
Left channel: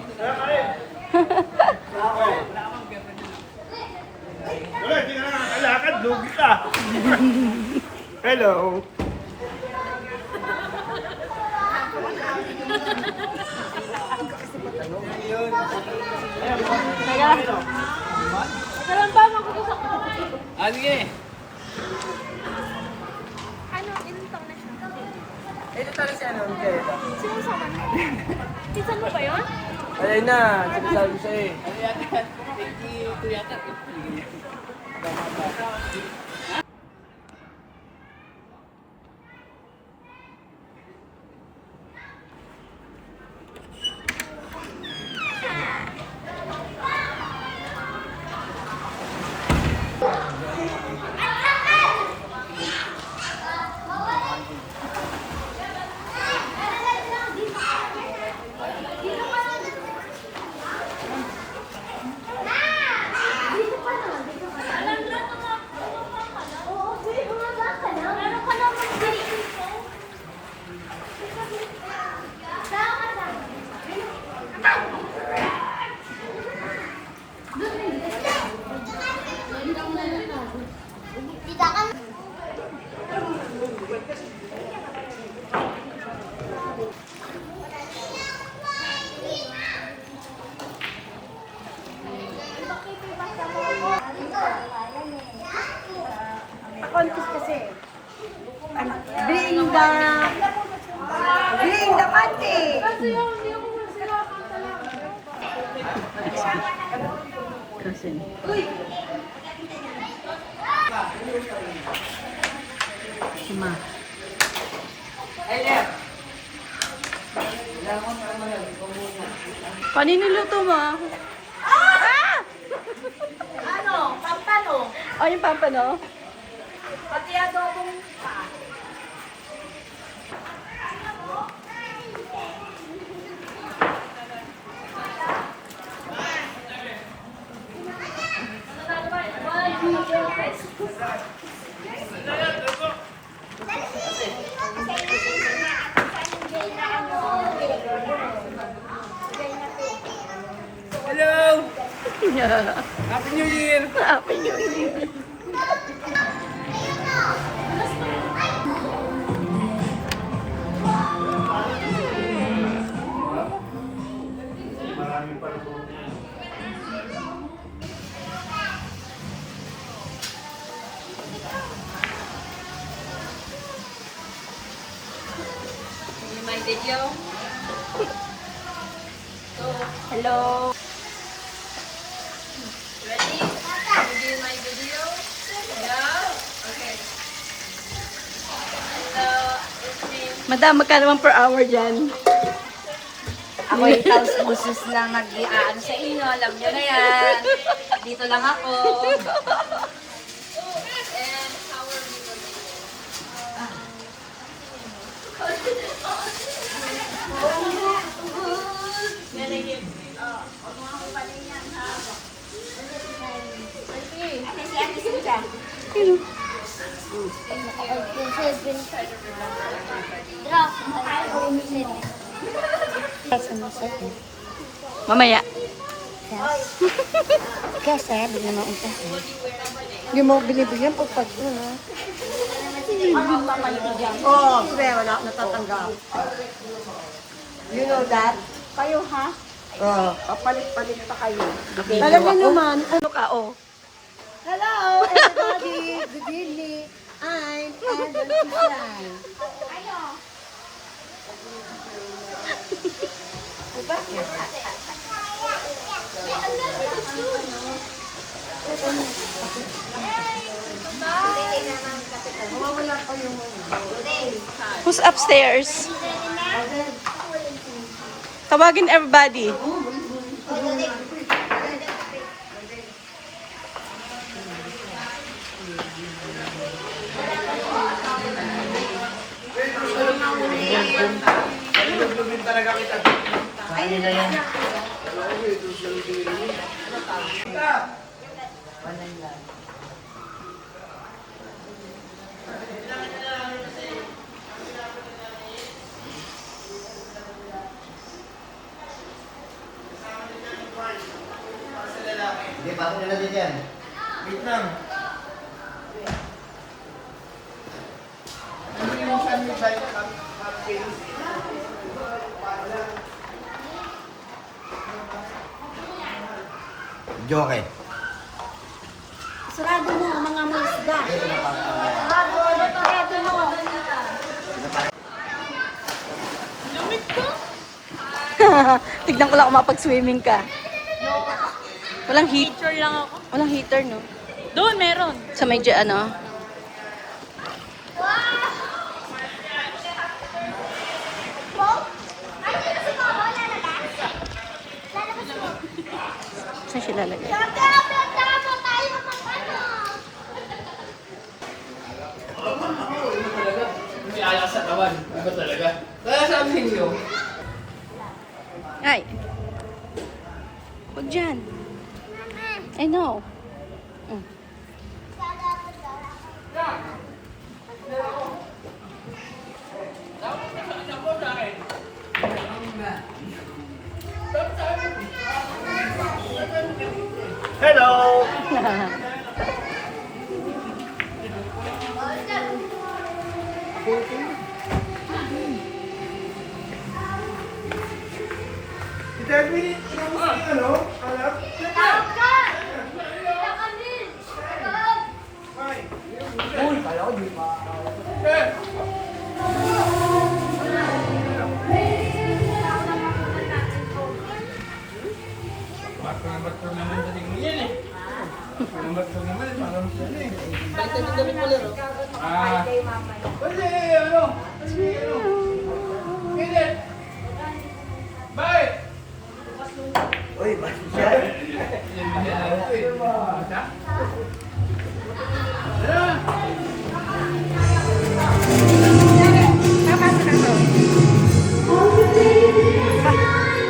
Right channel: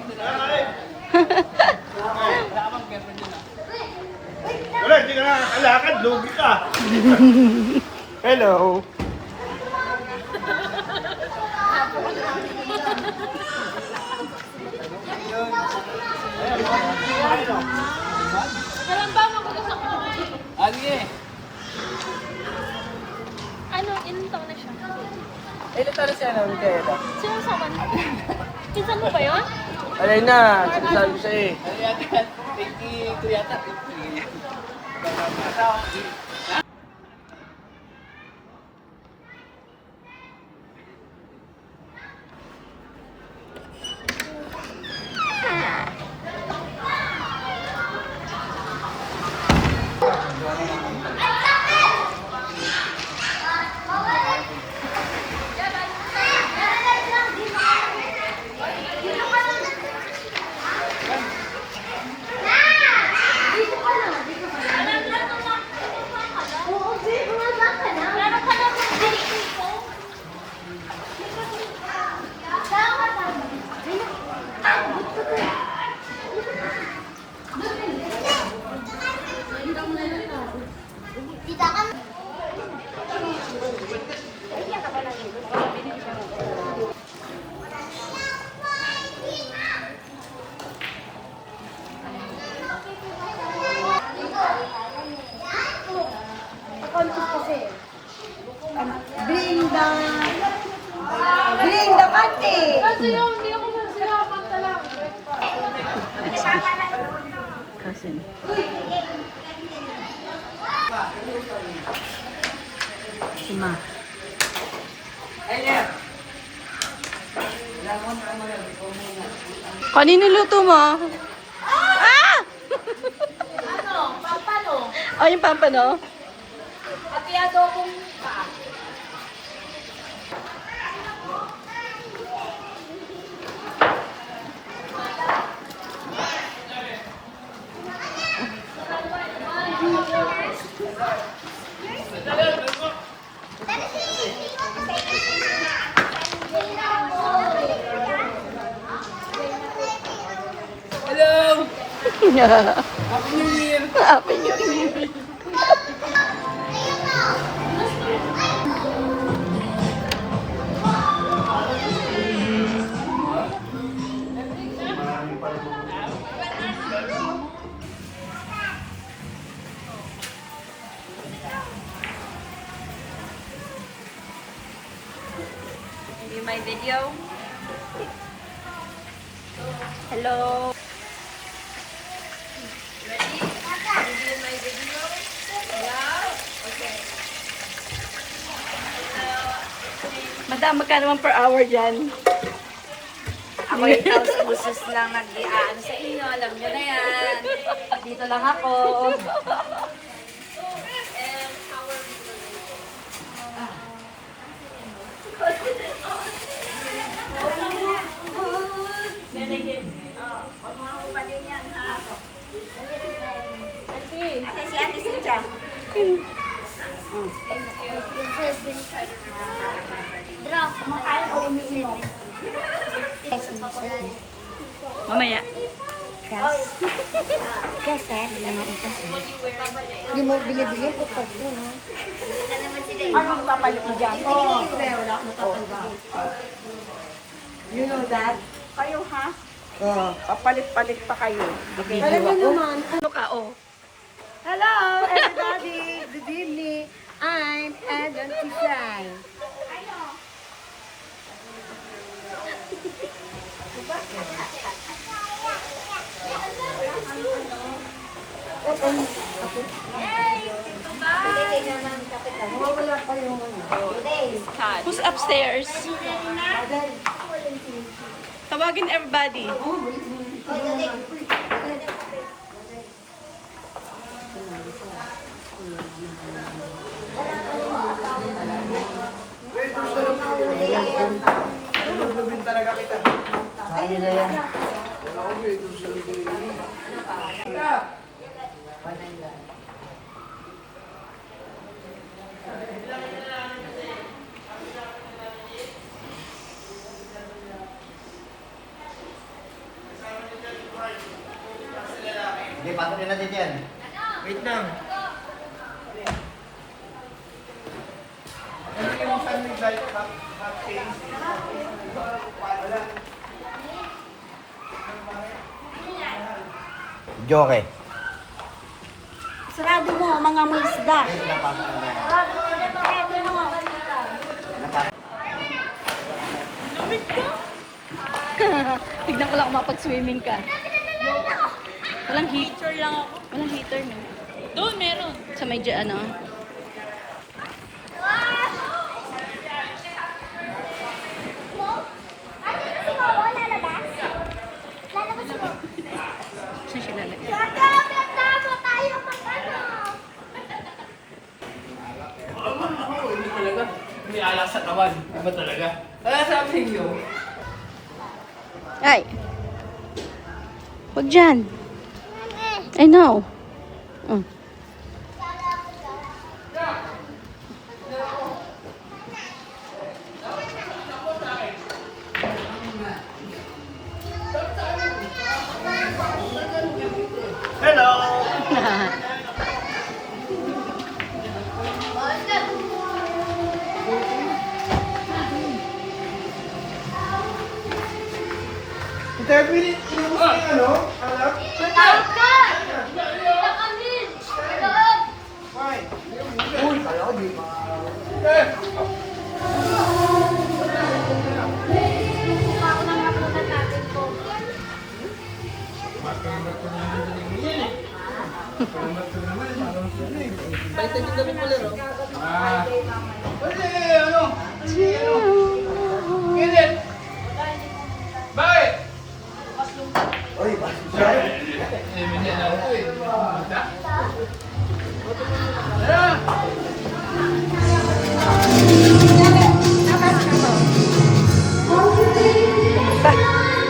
Wala, hindi ka nakakalakad. Lugi ka. Hello. Sige. Ano, ilang taon na siya? Ito tali siya na ulit ito. Sino sa kanya? Pinsan mo ba yun? Alay na, sinasabi ko sa'yo eh. Ito yata. Bring the party! Cousin. Si Ma. Kanino luto mo? Ah! Ano? Pampano? Oh, yung pampano? Pati adobong Hello! Happy New Year! Happy New Year. you my video? Hello. Ready? Review my video? Yeah? Okay. Madam, magkano man per hour dyan? Ako yung house boses lang nag-iaan sa inyo. Alam nyo na yan. Dito lang ako. And our Mamaya. Kasi, bigyan mo ang kasi. Hindi mo binibigyan pag yun, ha? Oo, wala akong natatanggap. You know that? Kayo, ha? Oh. Papalit-palit pa kayo. Video ako. Ano ka, oh? Hello, everybody. Good evening. I'm Eden Pisan. Who's upstairs? Tawagin everybody. Hindi, pasok nila dito yan. Wait lang. Joke. Sarado mo, mga musda. Sarado mo. Tignan ko lang kung mapag-swimming ka. Walang heater lang ako. Walang heater, no? Doon, meron. Sa medyo ano? Saan siya lalagay? May alak sa kawan. Iba talaga. Kaya sabi niyo, Ay! Huwag dyan. I know. Mm. Hello!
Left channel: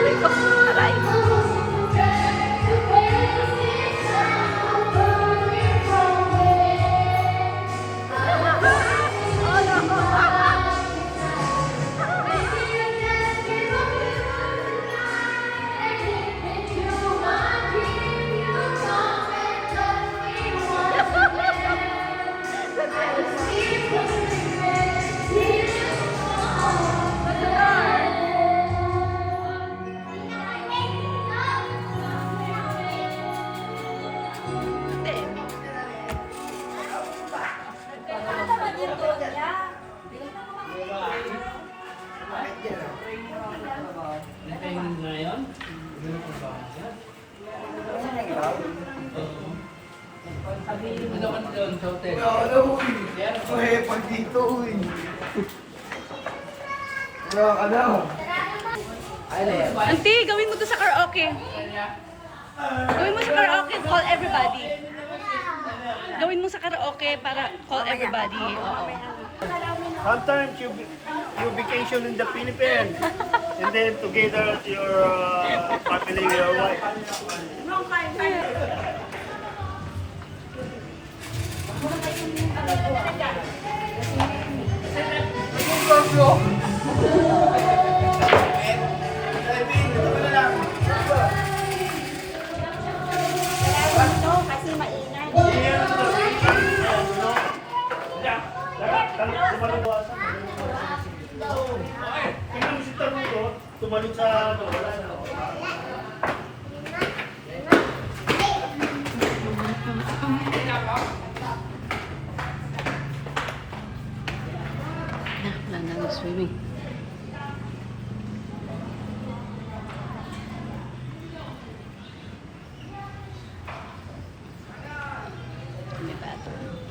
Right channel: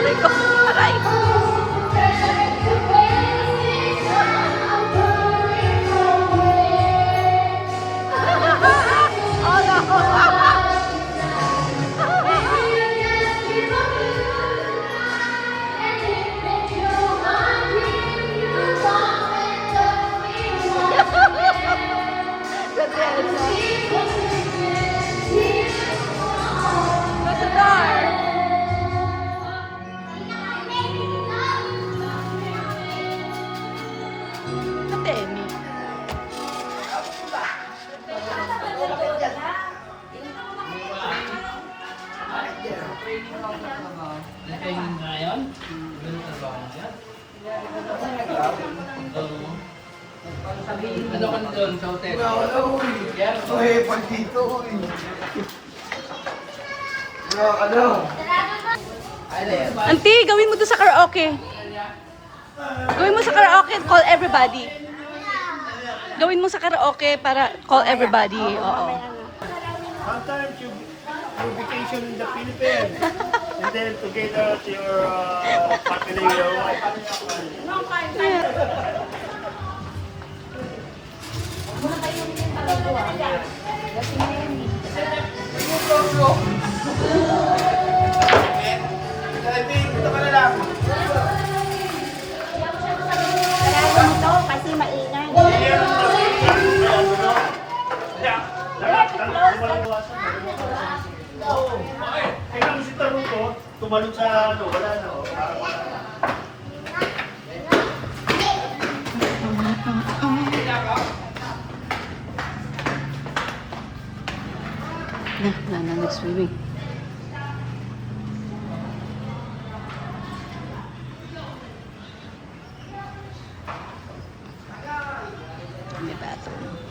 Aray ko. Aray. Oh, no. What's the door? nakainin na yun. Ganun ang bahay niya. Ano ka doon sa hotel? Yan. Pag dito, uy. Ano? Ano yan? Auntie, gawin mo to sa karaoke. Gawin mo sa karaoke, call everybody. Gawin mo sa karaoke para call everybody. Oo. Sometimes you vacation in the Philippines and then together with your partner, your wife. Kasi maingay. Kailangan si Tarong to, bumalot sa ano, wala na. Oh. Na, nag-swimming. May bathroom.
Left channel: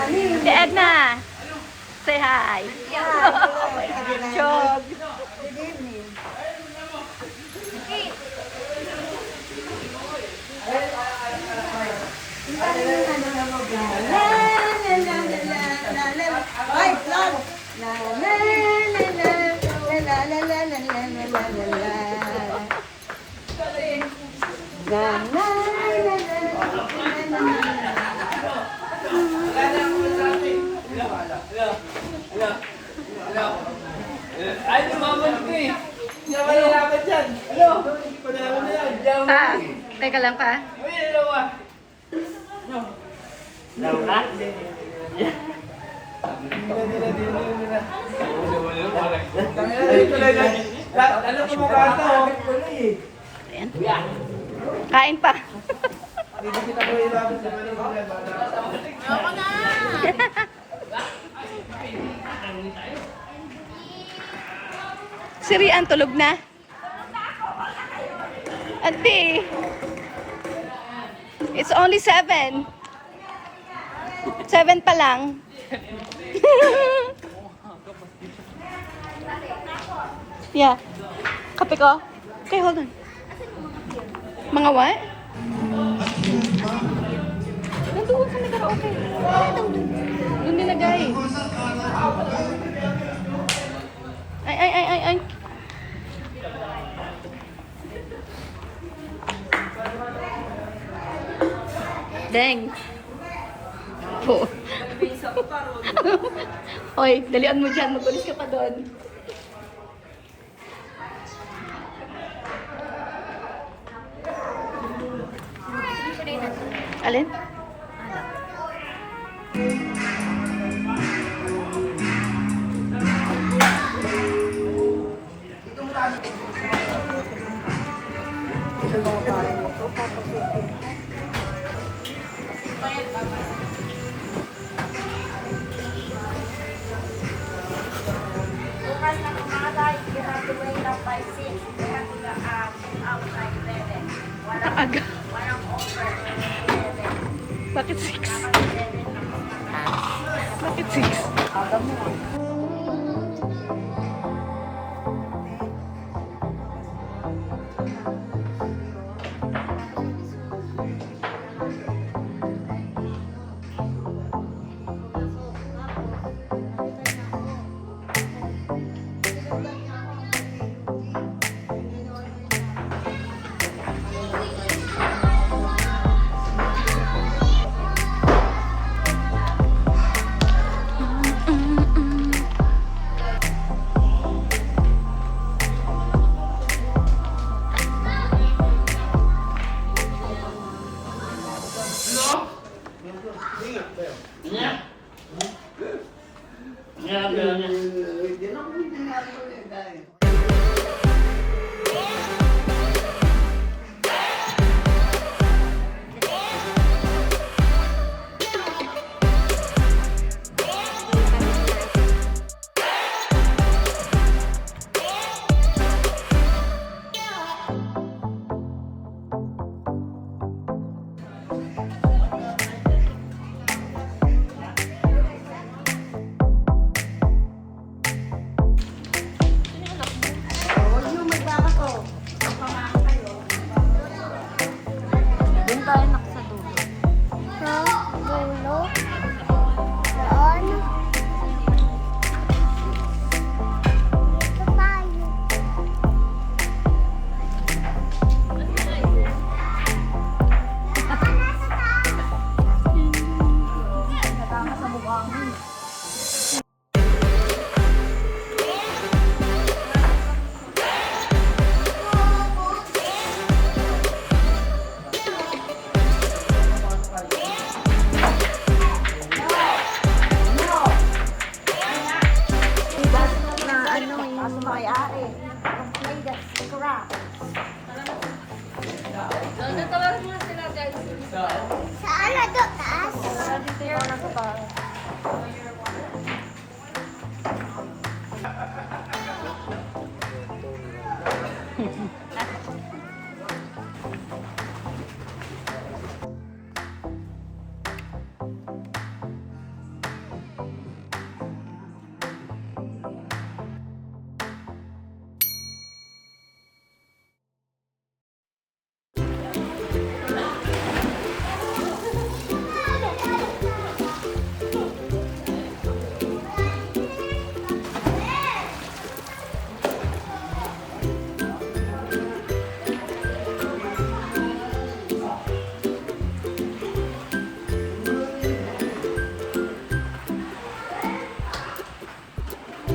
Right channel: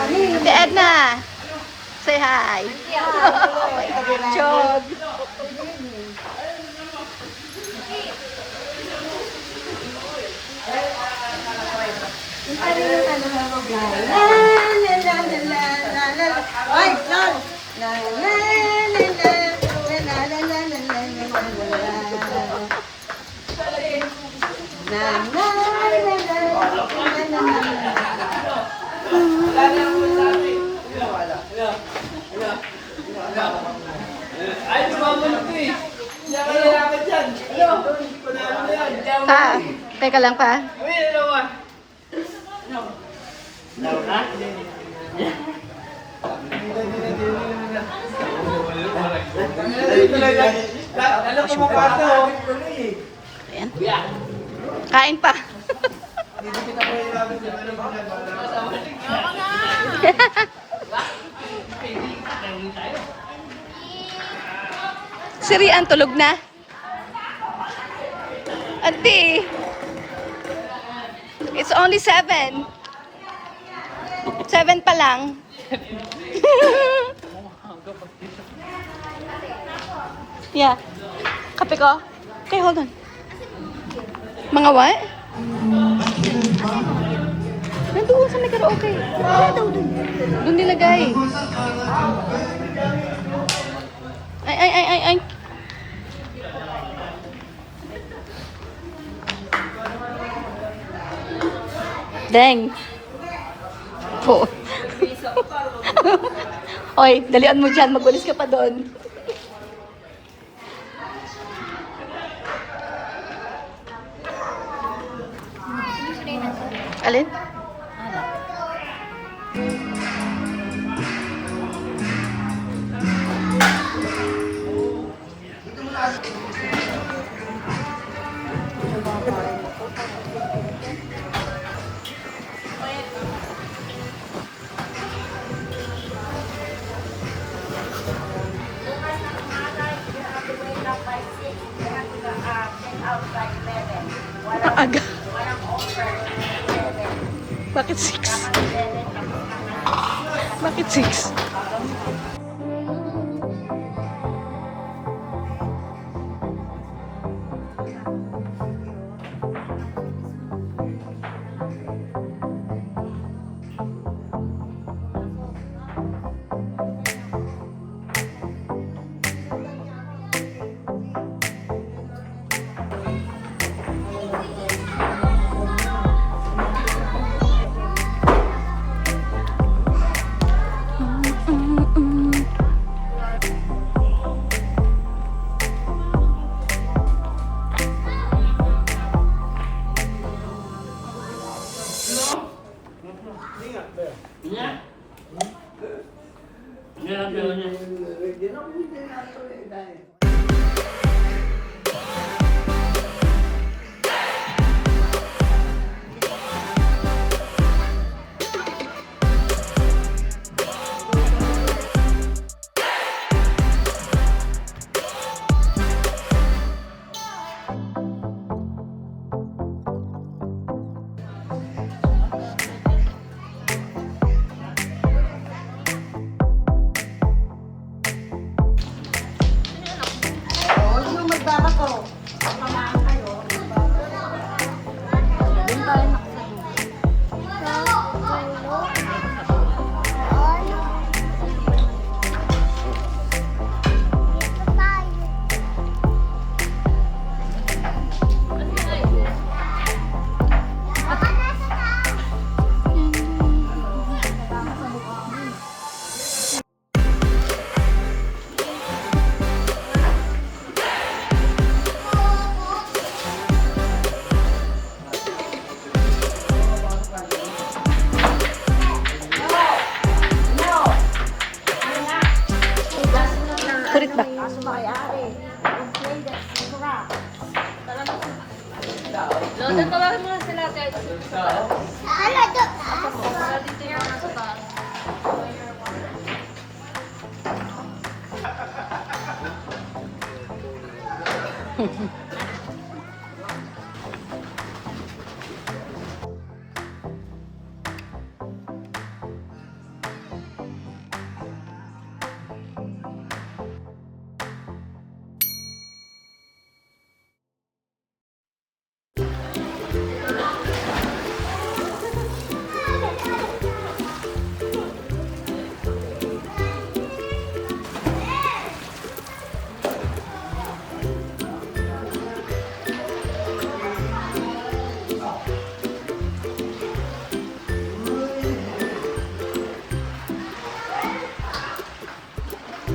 Ate Edna, say hi. Oh my God, Jog. Ay, tumaman ko eh. Hindi ako nalakad yan. Pa, teka lang pa. Kami, dalawa. Ano ko pa ito? Ayan. Kain pa. Si Rian tulog na. Auntie, it's only 7. 7 pa lang. Yeah. Kape ko? Okay, hold on. Mga what? Nandoon sa may karaoke. Doon nilagay. Ay. Deng. Po. Oy, dalian mo dyan. Magulis ka pa doon. Alin? Ang aga. Bakit 6? Bakit 6?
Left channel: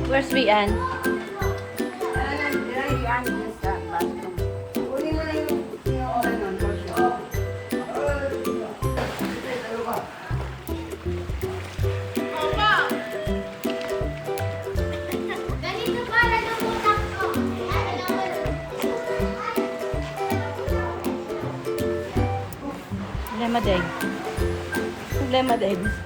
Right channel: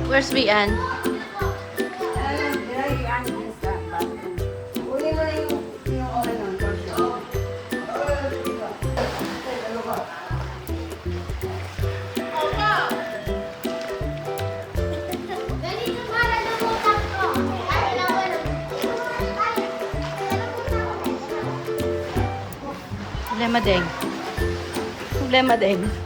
Where's Rian? Ganito para lumutan ko. Problema din. Problema din.